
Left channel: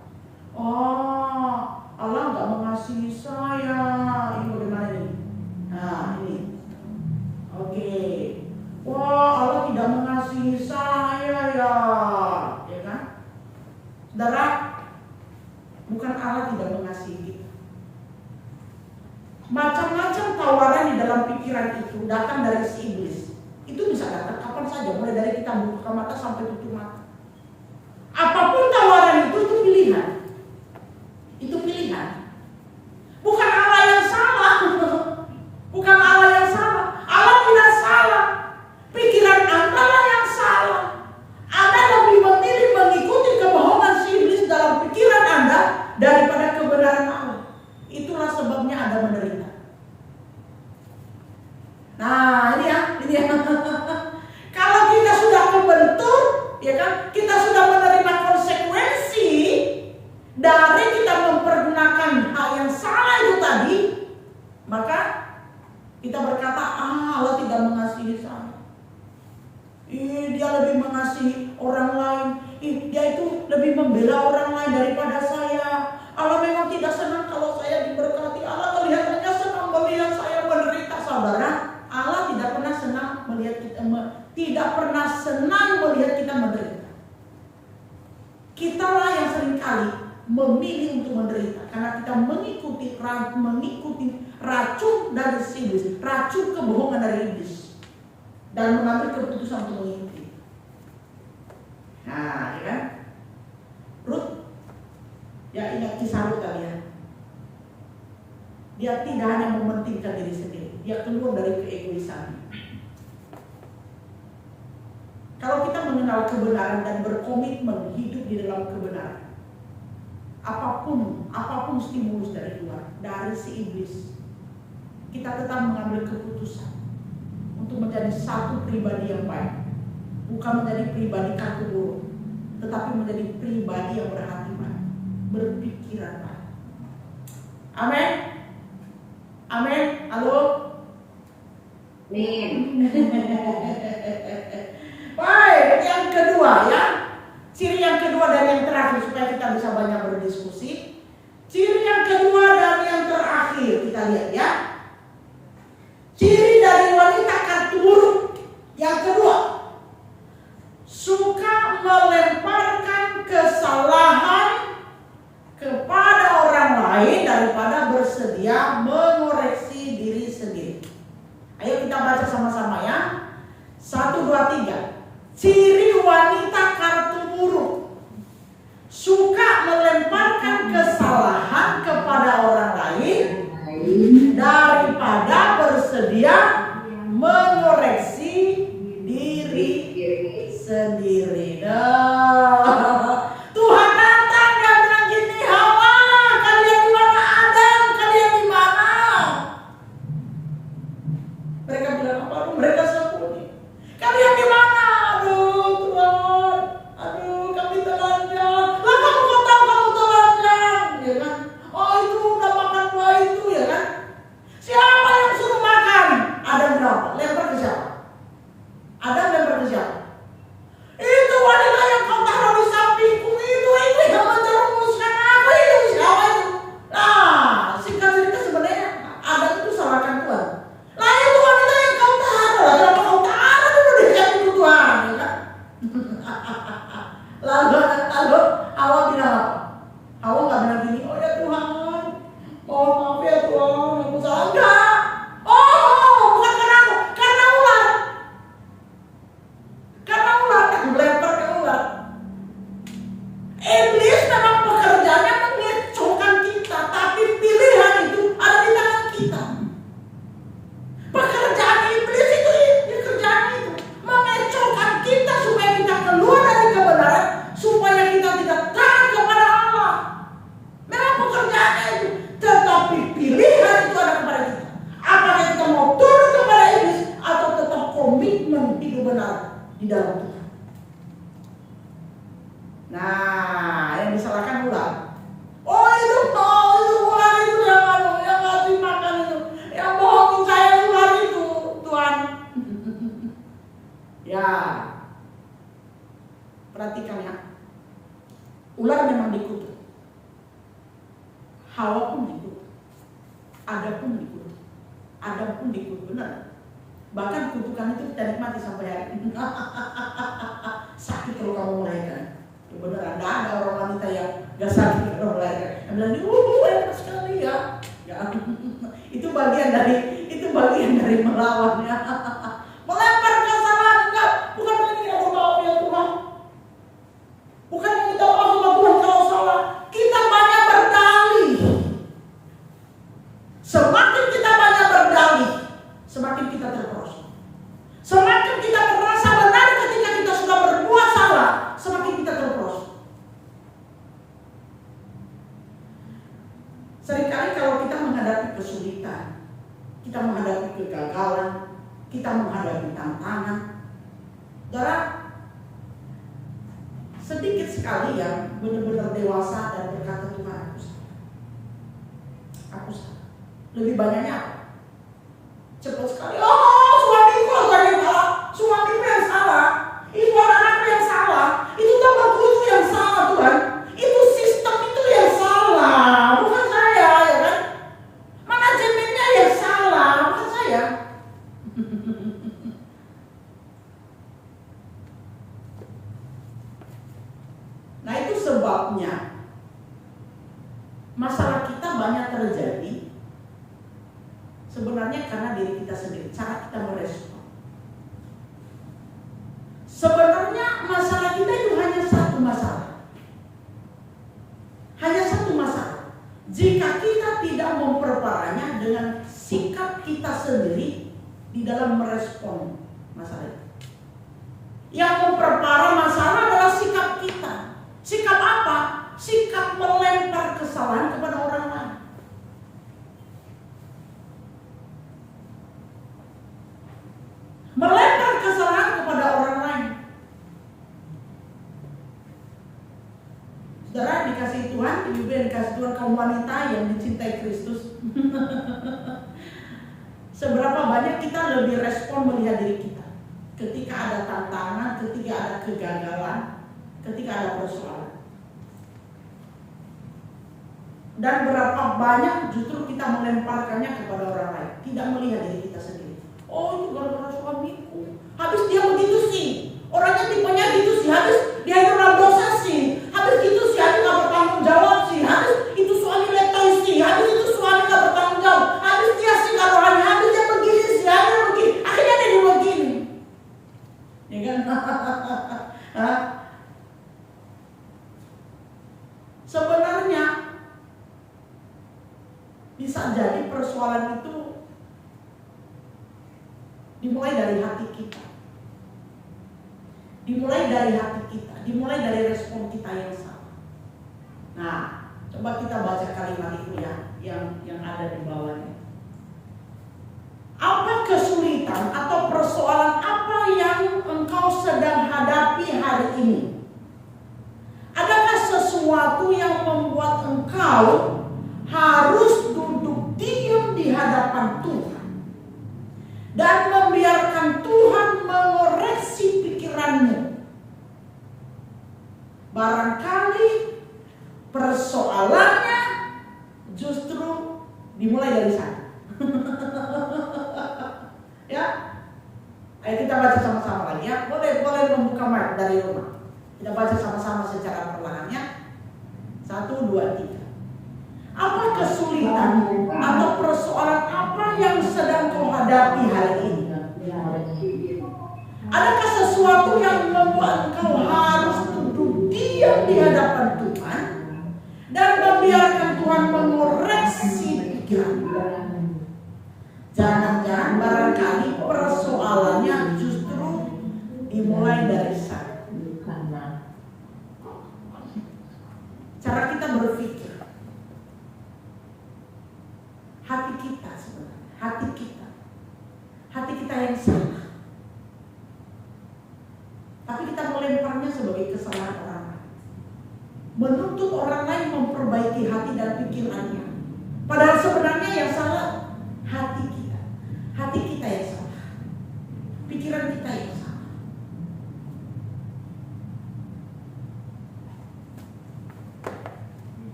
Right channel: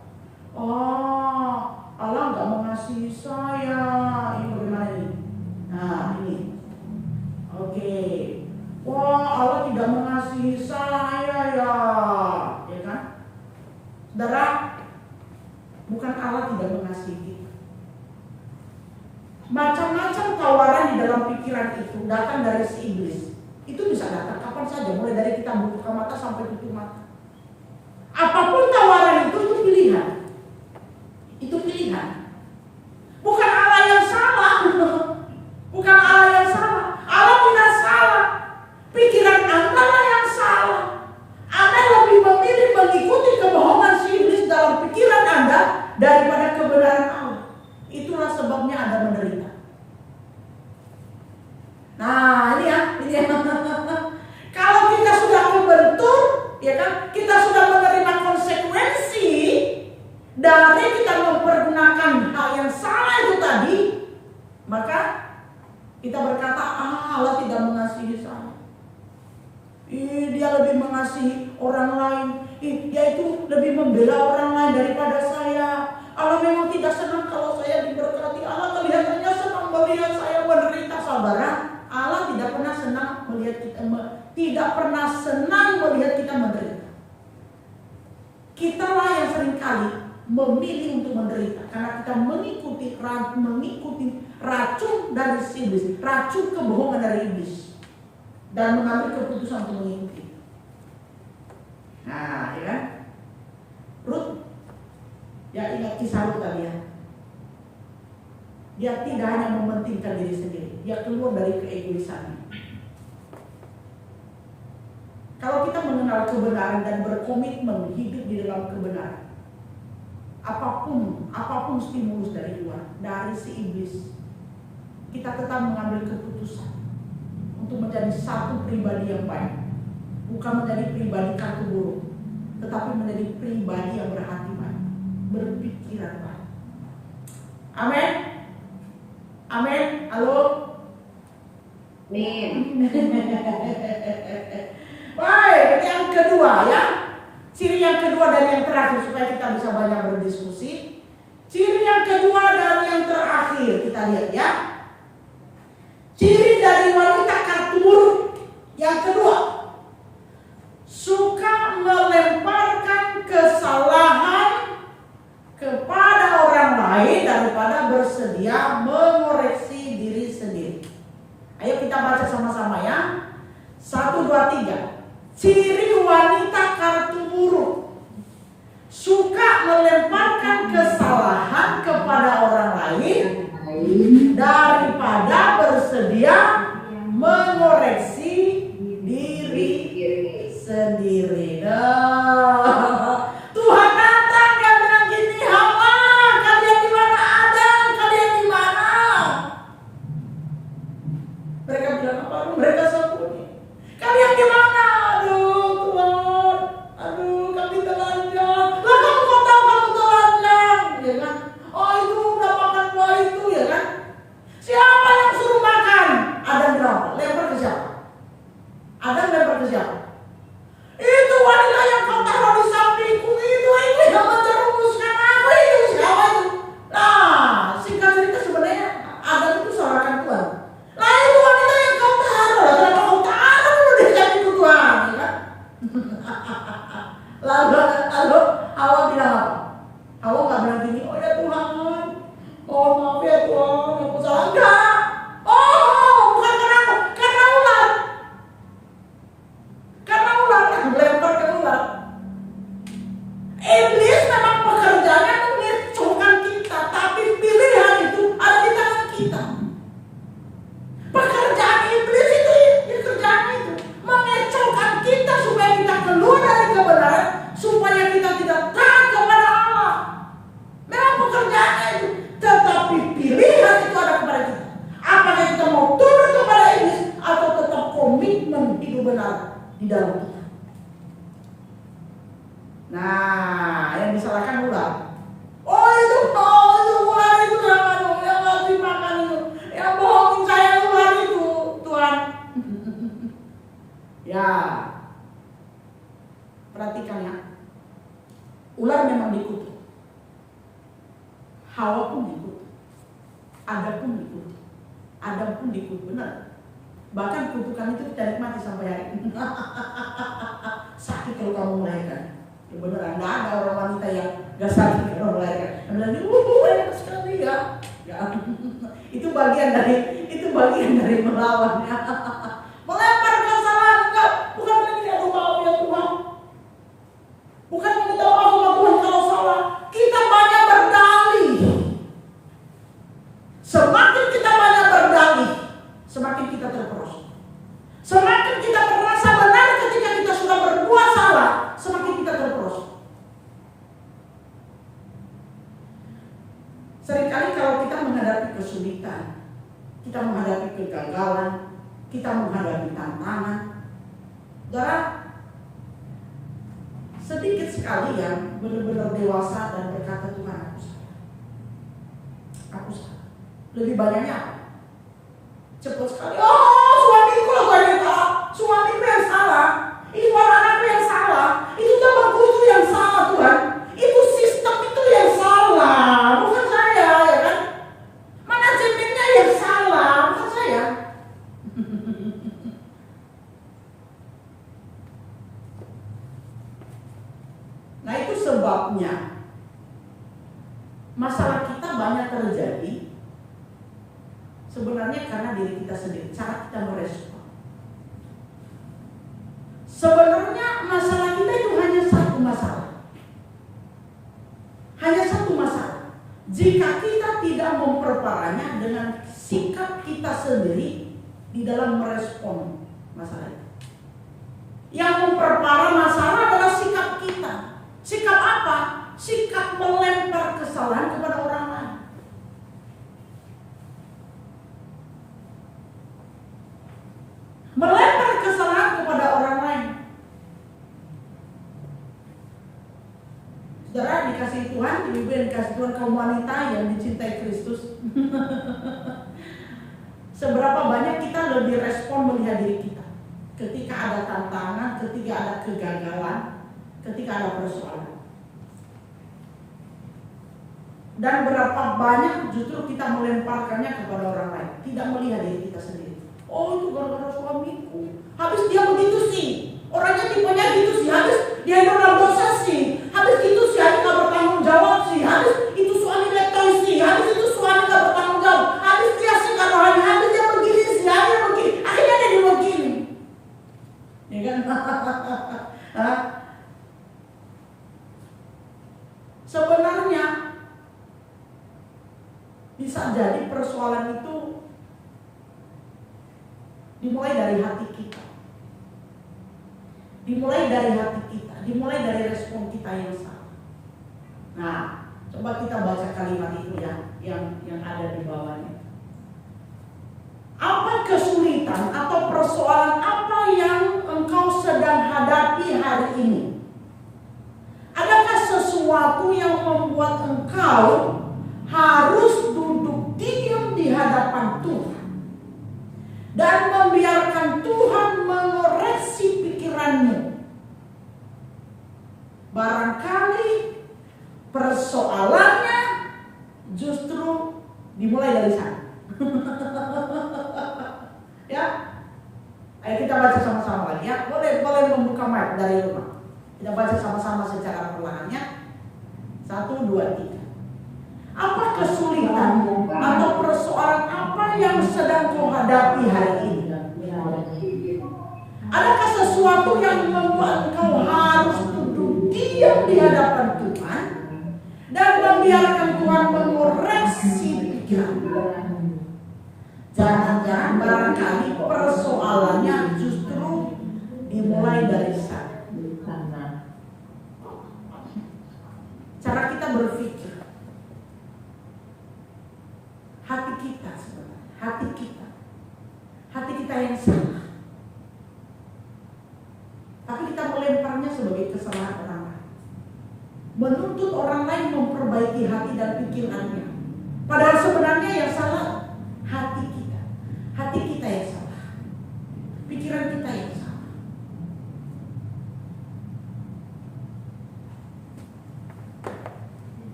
Oh, Allah nggak mengasihi saya. Ini bagaimana ini? Nah, ini. Oke. Wah, Allah tidak mengasihi saya ya. Ya kan? Saudara, bukan Allah tidak mengasihi kita. Macam-macam tawaran di dalam pikiran itu datang dari si iblis. Itu bisa datang kapan saja, mulai dari kita buka mata sampai tutup mata. Apapun tawaran itu pilihan. Itu pilihan. Bukan Allah yang salah. Bukan Allah yang salah. Allah tidak salah. Pikiran Anda lah yang salah. Anda lebih memilih mengikuti kebohongan si iblis dalam pikiran Anda daripada kebenaran Allah. Itulah sebabnya Anda menderita. Nah, ini ya. Kalau kita sudah membentur, ya kan, kita sudah menerima konsekuensi dari kita mempergunakan hal yang salah itu tadi, maka kita berkata, Allah tidak mengasihi saya. Dia lebih mengasihi orang lain. Dia itu lebih membela orang lain daripada saya. Allah memang tidak senang kalau saya diberkati. Allah kelihatannya senang melihat saya menderita, saudara. Allah tidak pernah senang melihat kita menderita. Kitalah yang seringkali memilih untuk menderita karena kita mengikuti racun dari iblis, racun kebohongan dari iblis, dan mengambil keputusan untuk mengikuti. Nah, ya kan? Ruth, ya ingat kisah Ruth tadi ya. Dia tidak hanya mementingkan diri sendiri, dia keluar dari keegoisannya. Kalau kita mengenal kebenaran dan berkomitmen hidup di dalam kebenaran, apapun stimulus dari luar, dari si iblis, kita tetap mengambil keputusan untuk menjadi satu pribadi yang baik, bukan menjadi pribadi kartu buruk, tetapi menjadi pribadi yang berhati baik, berpikiran baik. Amin. Amin. Halo. Amin. Baik, yang kedua ya. Ciri yang kedua dan yang terakhir supaya kita bisa banyak berdiskusi. Ciri yang kedua dan yang terakhir kita lihat ya. Ciri dari wanita kartu buruk yang kedua, suka melemparkan kesalahan kepada orang lain daripada bersedia mengoreksi diri sendiri. Ayo kita baca sama-sama ya. 1, 2, 3. Ciri wanita kartu buruk, suka melemparkan kesalahan kepada orang lain daripada bersedia mengoreksi diri sendiri. Tuhan datang dan bilang gini, Hawa, kalian di mana? Adam, kalian di mana? Mereka bilang apa? Mereka sembunyi. Kalian di mana? Aduh Tuhan, aduh kami telanjang. Lah kamu kok tahu kamu telanjang, ya kan? Oh itu udah makan buah itu, ya kan? Siapa yang suruh makan? Adam bilang, lempar ke siapa? Adam lempar ke siapa? Itu wanita yang kau taruh di sampingku itu yang menjerumuskan aku itu. Siapa itu? Nah, singkat cerita sebenarnya Adam itu salahkan Tuhan. Lah itu wanita yang kau taruh. Lah kenapa kau taruh dulu di sampingku Tuhan? Ya kan? Lalu Hawa bilang apa? Hawa nggak bilang gini, oh ya Tuhan, mohon maaf ya Tuhan, aku salah. Enggak. Oh, bukan karena aku, karena ular. Karena ular lempar ke ular. Iblis memang pekerjaannya mengecohkan kita, tapi pilihan itu ada di tangan kita. Pekerjaan iblis itu, pekerjaan itu mengecohkan kita supaya kita keluar dari kebenaran, supaya kita tidak taat kepada Nah, yang disalahkan ular. Oh itu ular itu yang ngasih makan itu, yang bohongin saya ular itu, Tuhan. Ya, perhatikan ya. Ular memang dikutuk, Hawa pun dikutuk, Adam pun dikutuk, Adam pun dikutuk, benar. Bahkan kutukan itu kita nikmati sampai hari ini. Sakit kalau kamu melahirkan, ya beneran. Tidak ada orang wanita yang gak sakit kalau melahirkan. Yang bilang, enak sekali ya. Gak. Itu bagian dari melawannya. Melempar kesalahan, enggak. Bukan meminta maaf ya Tuhan. Bukan meminta maaf sama Tuhan kalau salah. Kita banyak berdalih. Semakin kita banyak berdalih, semakin kita terperosok. Semakin kita merasa benar ketika kita sudah berbuat salah, semakin kita terperosok. Seringkali kalau kita menghadapi kesulitan, kita menghadapi kegagalan, kita menghadapi tantangan, saudara, sedikit sekali yang benar-benar dewasa dan berkata, Tuhan aku salah. Aku salah. Lebih banyaknya apa? Cepat sekali, suamiku yang salah, suamiku yang salah, itu anak-anakku yang salah, itu temanku itu yang salah Tuhan, itu sistem itu yang salah, bukan saya, ya kan? Manajemennya yang salah, bukan saya. Nah itu sebabnya masalah kita banyak terjadi sebenarnya karena diri kita sendiri, cara kita merespon. Sebenarnya masalah kita itu hanya satu masalah. Hanya satu masalah. Jika kita tidak memperparahnya dengan sikap kita sendiri di dalam merespon masalah itu. Yang memperparah masalah adalah sikap kita. Sikap apa? Sikap melempar kesalahan kepada orang lain. Melempar kesalahan kepada orang lain. Saudara dikasih Tuhan, ibu yang dikasih Tuhan, kaum wanita yang dicintai Kristus. Seberapa banyak kita lebih respon melihat diri kita ketika ada tantangan, ketika ada kegagalan, ketika ada persoalan. Dan berapa banyak justru kita melemparkannya kepada orang lain, tidak melihat diri kita sendiri. Oh itu gara-gara suamiku, habis dia begitu sih, orangnya tipenya gitu sih, habis dia hidup dalam dosa sih, habis gitu sih, habis gak bertanggung jawab sih, habis itu suami letoy sih, habis itu suami gak bertanggung jawab, habis dia sih gak rohani, habis dia begini sih, habis begini, akhirnya dia begini, ya kan? Sebenarnya bisa jadi persoalan itu dimulai dari hati kita. Dimulai dari hati kita, dimulai dari respon kita yang salah. Nah, coba kita baca kalimat itu ya, yang ada di bawahnya. Apa kesulitan atau persoalan apa yang engkau sedang hadapi hari ini? Adakah sesuatu yang membuat engkau harus duduk diam di hadapan Tuhan dan membiarkan Tuhan mengoreksi pikiranmu? Barangkali persoalannya justru dimulai dari sana. Ya, ayo kita baca sama-sama lagi ya. Boleh membuka mic dari rumah. Kita baca sama-sama secara perlahannya. 1, 2, 3. Apa kesulitan atau persoalan apa yang sedang kau hadapi hari ini? Adakah sesuatu yang membuat engkau harus duduk diam di hadapan Tuhan dan membiarkan Tuhan mengoreksi pikiran? Jangan-jangan barangkali persoalannya justru dimulai dari sana. Cara kita berpikir, hati kita sebenarnya, hati kita yang salah. Tapi kita melemparnya sebagai kesalahan orang lain. menuntut orang lain memperbaiki hati dan pikirannya. Padahal sebenarnya yang salah hati kita. Hati kita yang salah. Pikiran kita yang salah.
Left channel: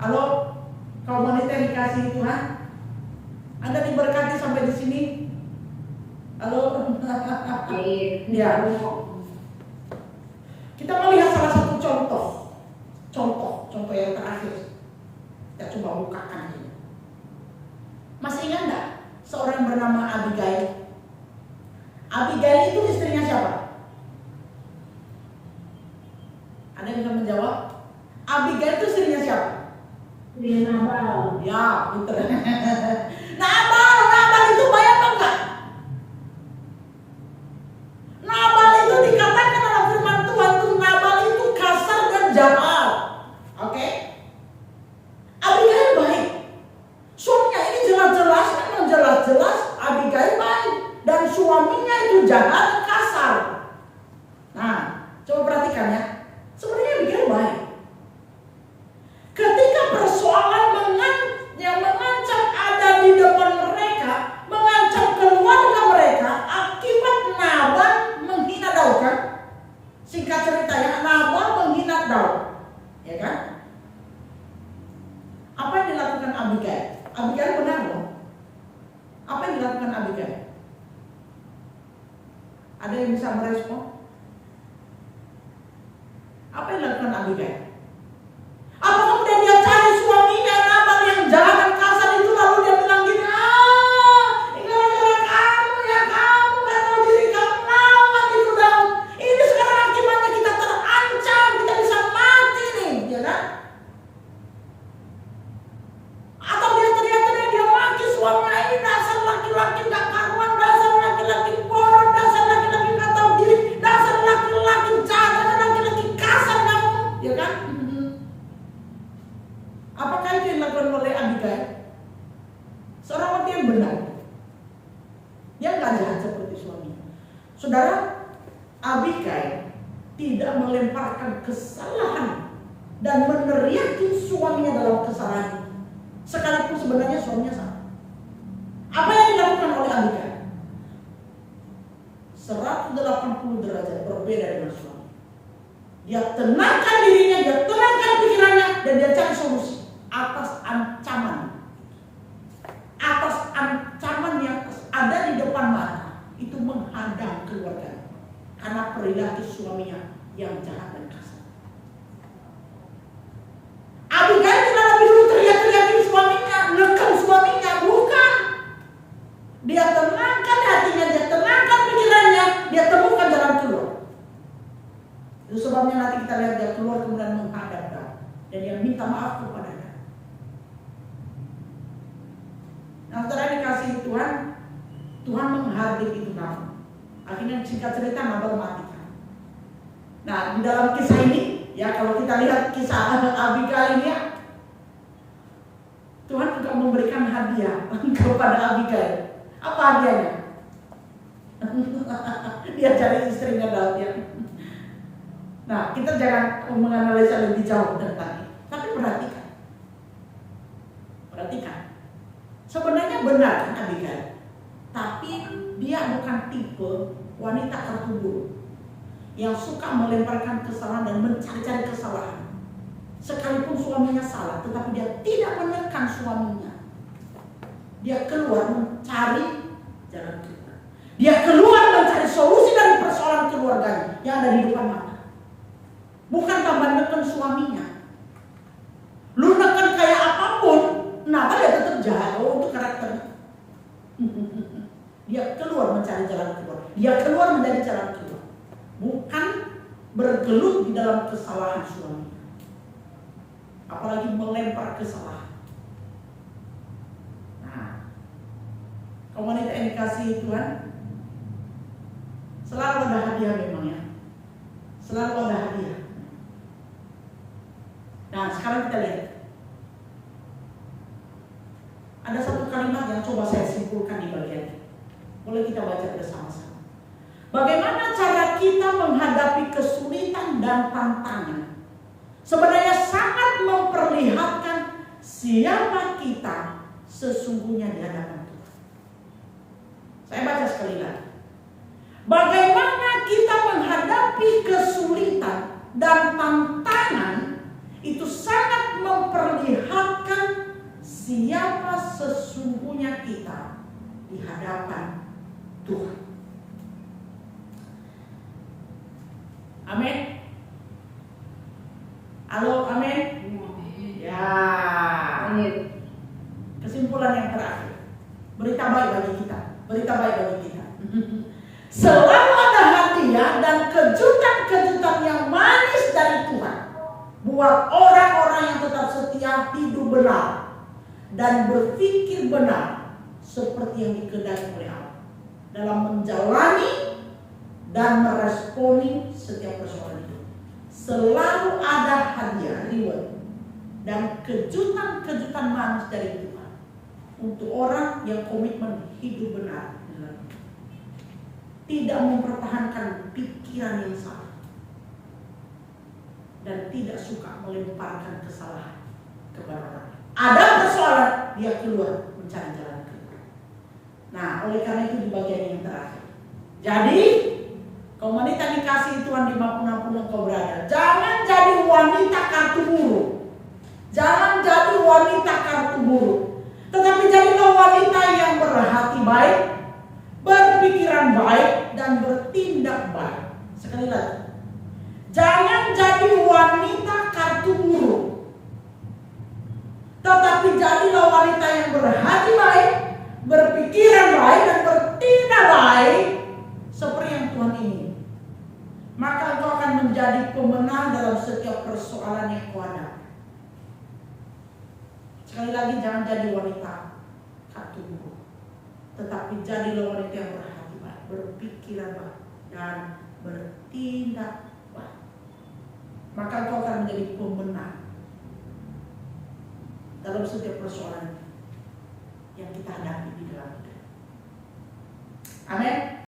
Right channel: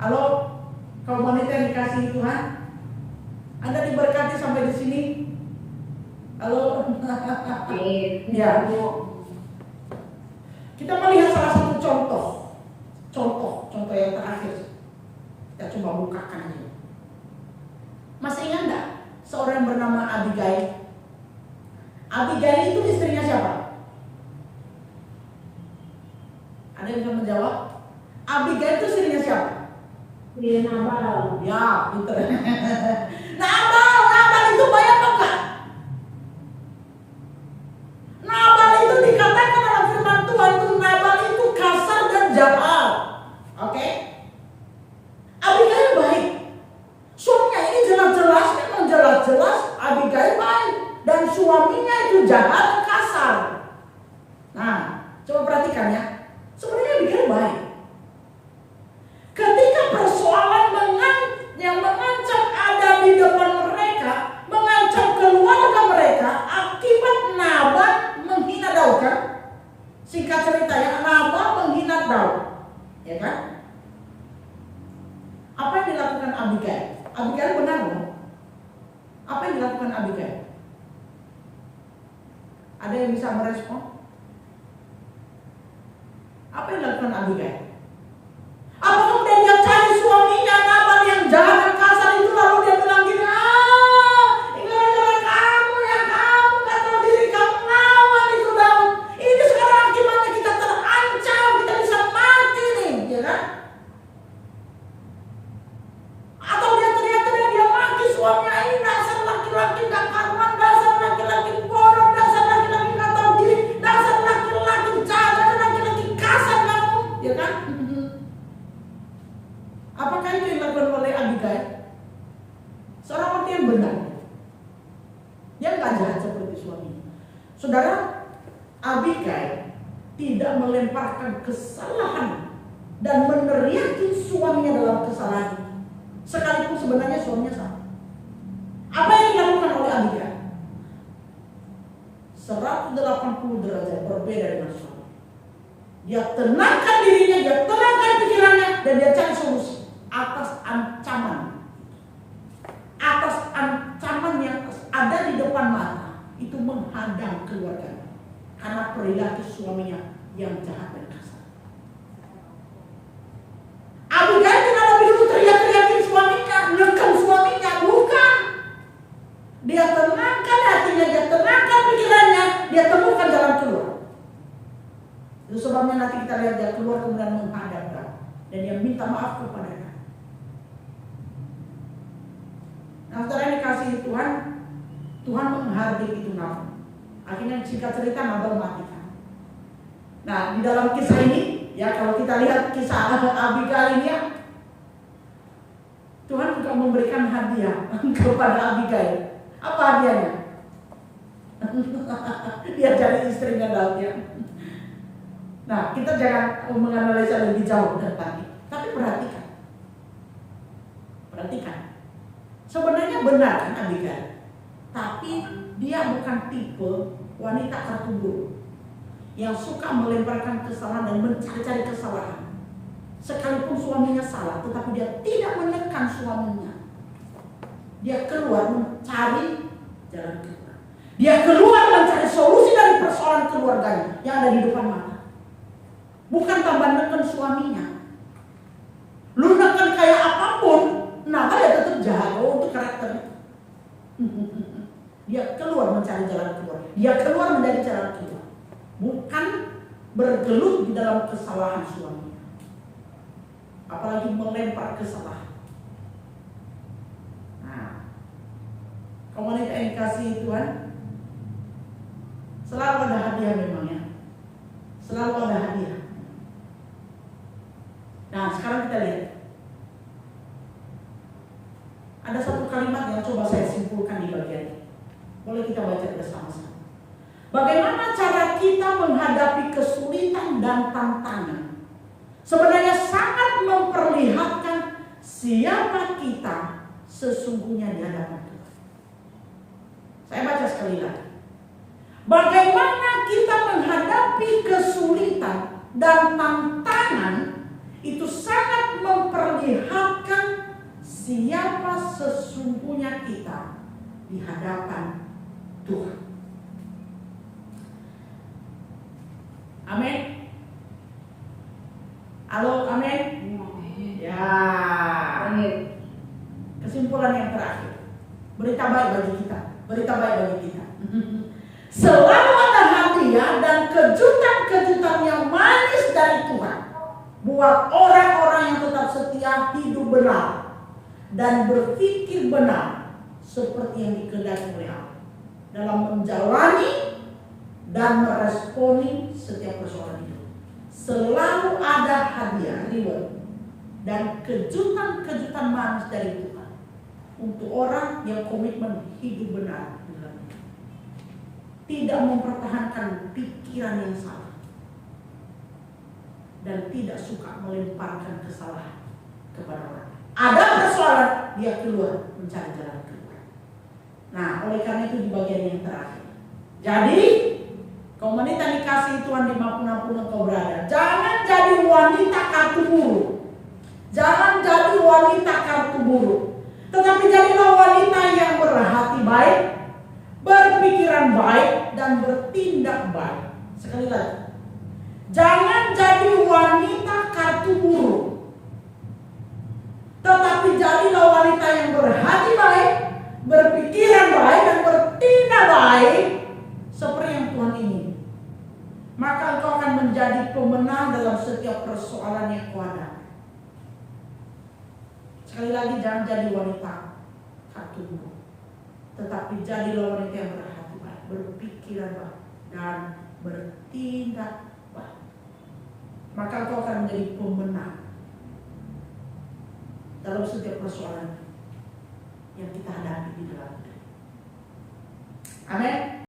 Halo, kaum wanita yang dikasihi Tuhan, Anda diberkati sampai di sini? Halo, ya. Kita melihat salah satu contoh yang terakhir. Kita coba bukakan ini. Masih ingat nggak seorang yang bernama Abigail? Abigail itu istrinya siapa? Ada yang bisa menjawab? Abigail itu istrinya siapa? Nabal. Ya, pinter. Nabal itu baik apa enggak? Nabal itu dikatakan dalam firman Tuhan itu Nabal itu kasar dan jahat. Oke? Abigail baik. Suaminya ini jelas-jelas memang jelas-jelas Abigail baik dan suaminya itu jahat dan kasar. Nah, coba perhatikan ya. Sebenarnya Abigail baik. Ketika persoalan yang mengancam ada di depan mereka, mengancam keluarga mereka akibat Nabal menghina Daud kan? Singkat cerita ya, Nabal menghina Daud, ya kan? Apa yang dilakukan Abigail? Abigail benar loh. Apa yang dilakukan Abigail? Ada yang bisa merespon? Apa yang dilakukan Abigail? Apa kemudian dia cari suaminya Nabal yang jahat dan kasar itu, lalu dia bilang gini, ini gara-gara kamu ya, kamu gak tahu diri, kamu lawan itu Daud. Ini sekarang akibatnya kita terancam, kita bisa mati nih, ya kan? Atau dia teriak-teriak, dia maki suaminya, ini dasar laki-laki gak karuan, dasar laki-laki bodoh, dasar laki-laki gak tahu diri, dasar laki-laki jahat, dasar laki-laki kasar kamu, ya kan? Apakah itu yang dilakukan oleh Abigail? Seorang wanita yang benar, yang gak jahat seperti suaminya. Saudara, Abigail tidak melemparkan kesalahan dan meneriaki suaminya dalam kesalahan, sekalipun sebenarnya suaminya salah. Apa yang dilakukan oleh Abigail? 180 derajat berbeda dengan suami. Dia tenangkan dirinya, dia tenangkan pikirannya, dan dia cari solusi atas ancaman yang ada di depan mata. Itu menghadang keluarganya karena perilaku suaminya yang jahat dan kasar. Abigail tidak lebih dulu teriak-teriakin suaminya, neken suaminya, bukan. Dia tenangkan hatinya, dia tenangkan pikirannya, dia temukan jalan keluar. Itu sebabnya nanti kita lihat dia keluar kemudian menghadap Daud dan dia minta maaf kepada Daud. Nah, saudara dikasihi Tuhan, Tuhan menghardik itu Nabal. Akhirnya singkat cerita Nabal mati. Nah, di dalam kisah ini, ya kalau kita lihat kisah Abigail ini ya, Tuhan juga memberikan hadiah kepada Abigail. Apa hadiahnya? Dia cari istrinya Daud ya. Nah, kita jangan menganalisa lebih jauh tentang itu. Tapi perhatikan. Sebenarnya benar kan Abigail. Tapi dia bukan tipe wanita kartu buruk yang suka melemparkan kesalahan dan mencari-cari kesalahan. Sekalipun suaminya salah, tetapi dia tidak menekan suaminya. Dia keluar mencari jalan keluar. Dia keluar mencari solusi dari persoalan keluarganya yang ada di depan mata. Bukan tambah neken suaminya. Lu neken kayak apapun, Nabal ya tetap jahat. Oh, untuk karakter. Dia keluar mencari jalan keluar. Dia keluar menjadi jalan keluar. Bukan bergelut di dalam kesalahan suaminya. Apalagi melempar kesalahan. Nah, kaum wanita yang dikasihi Tuhan, selalu ada hadiah memang ya. Selalu ada hadiah. Nah, sekarang kita lihat. Ada satu kalimat yang coba saya simpulkan di bagian ini. Boleh kita baca bersama-sama. Bagaimana cara kita menghadapi kesulitan dan tantangan sebenarnya sangat memperlihatkan siapa kita sesungguhnya di hadapan Tuhan. Saya baca sekali lagi. Bagaimana kita menghadapi kesulitan dan tantangan itu sangat memperlihatkan siapa sesungguhnya kita di hadapan Tuhan. Amin. Halo, amin. Ya. Kesimpulan yang terakhir. Berita baik bagi kita. Berita baik bagi kita. Selalu ada hadiah dan kejutan-kejutan yang manis dari Tuhan buat orang-orang yang tetap setia, hidup benar dan berpikir benar seperti yang dikehendaki oleh Allah dalam menjalani dan meresponi setiap persoalan hidup. Selalu ada hadiah, reward dan kejutan-kejutan manis dari Tuhan untuk orang yang komitmen hidup benar, tidak mempertahankan pikiran yang salah dan tidak suka melemparkan kesalahan kepada orang. Ada persoalan, dia keluar mencari jalan keluar. Nah, oleh karena itu di bagian yang terakhir. Jadi, kaum wanita dikasihi Tuhan dimanapun engkau berada, jangan jadi wanita kartu buruk. Jangan jadi wanita kartu buruk, tetapi jadilah wanita yang berhati baik, berpikiran baik, dan bertindak baik. Sekali lagi, jangan jadi wanita kartu buruk, tetapi jadilah wanita yang berhati baik, berpikiran baik, dan bertindak baik seperti yang Tuhan ingin. Maka engkau akan menjadi pemenang dalam setiap persoalan yang kau hadapi. Sekali lagi, jangan jadi wanita kartu buruk, tetapi jadilah wanita yang berhati baik, berpikiran baik, dan bertindak baik. Maka engkau akan menjadi pemenang dalam setiap persoalan yang kita hadapi di dalam hidup. Amin.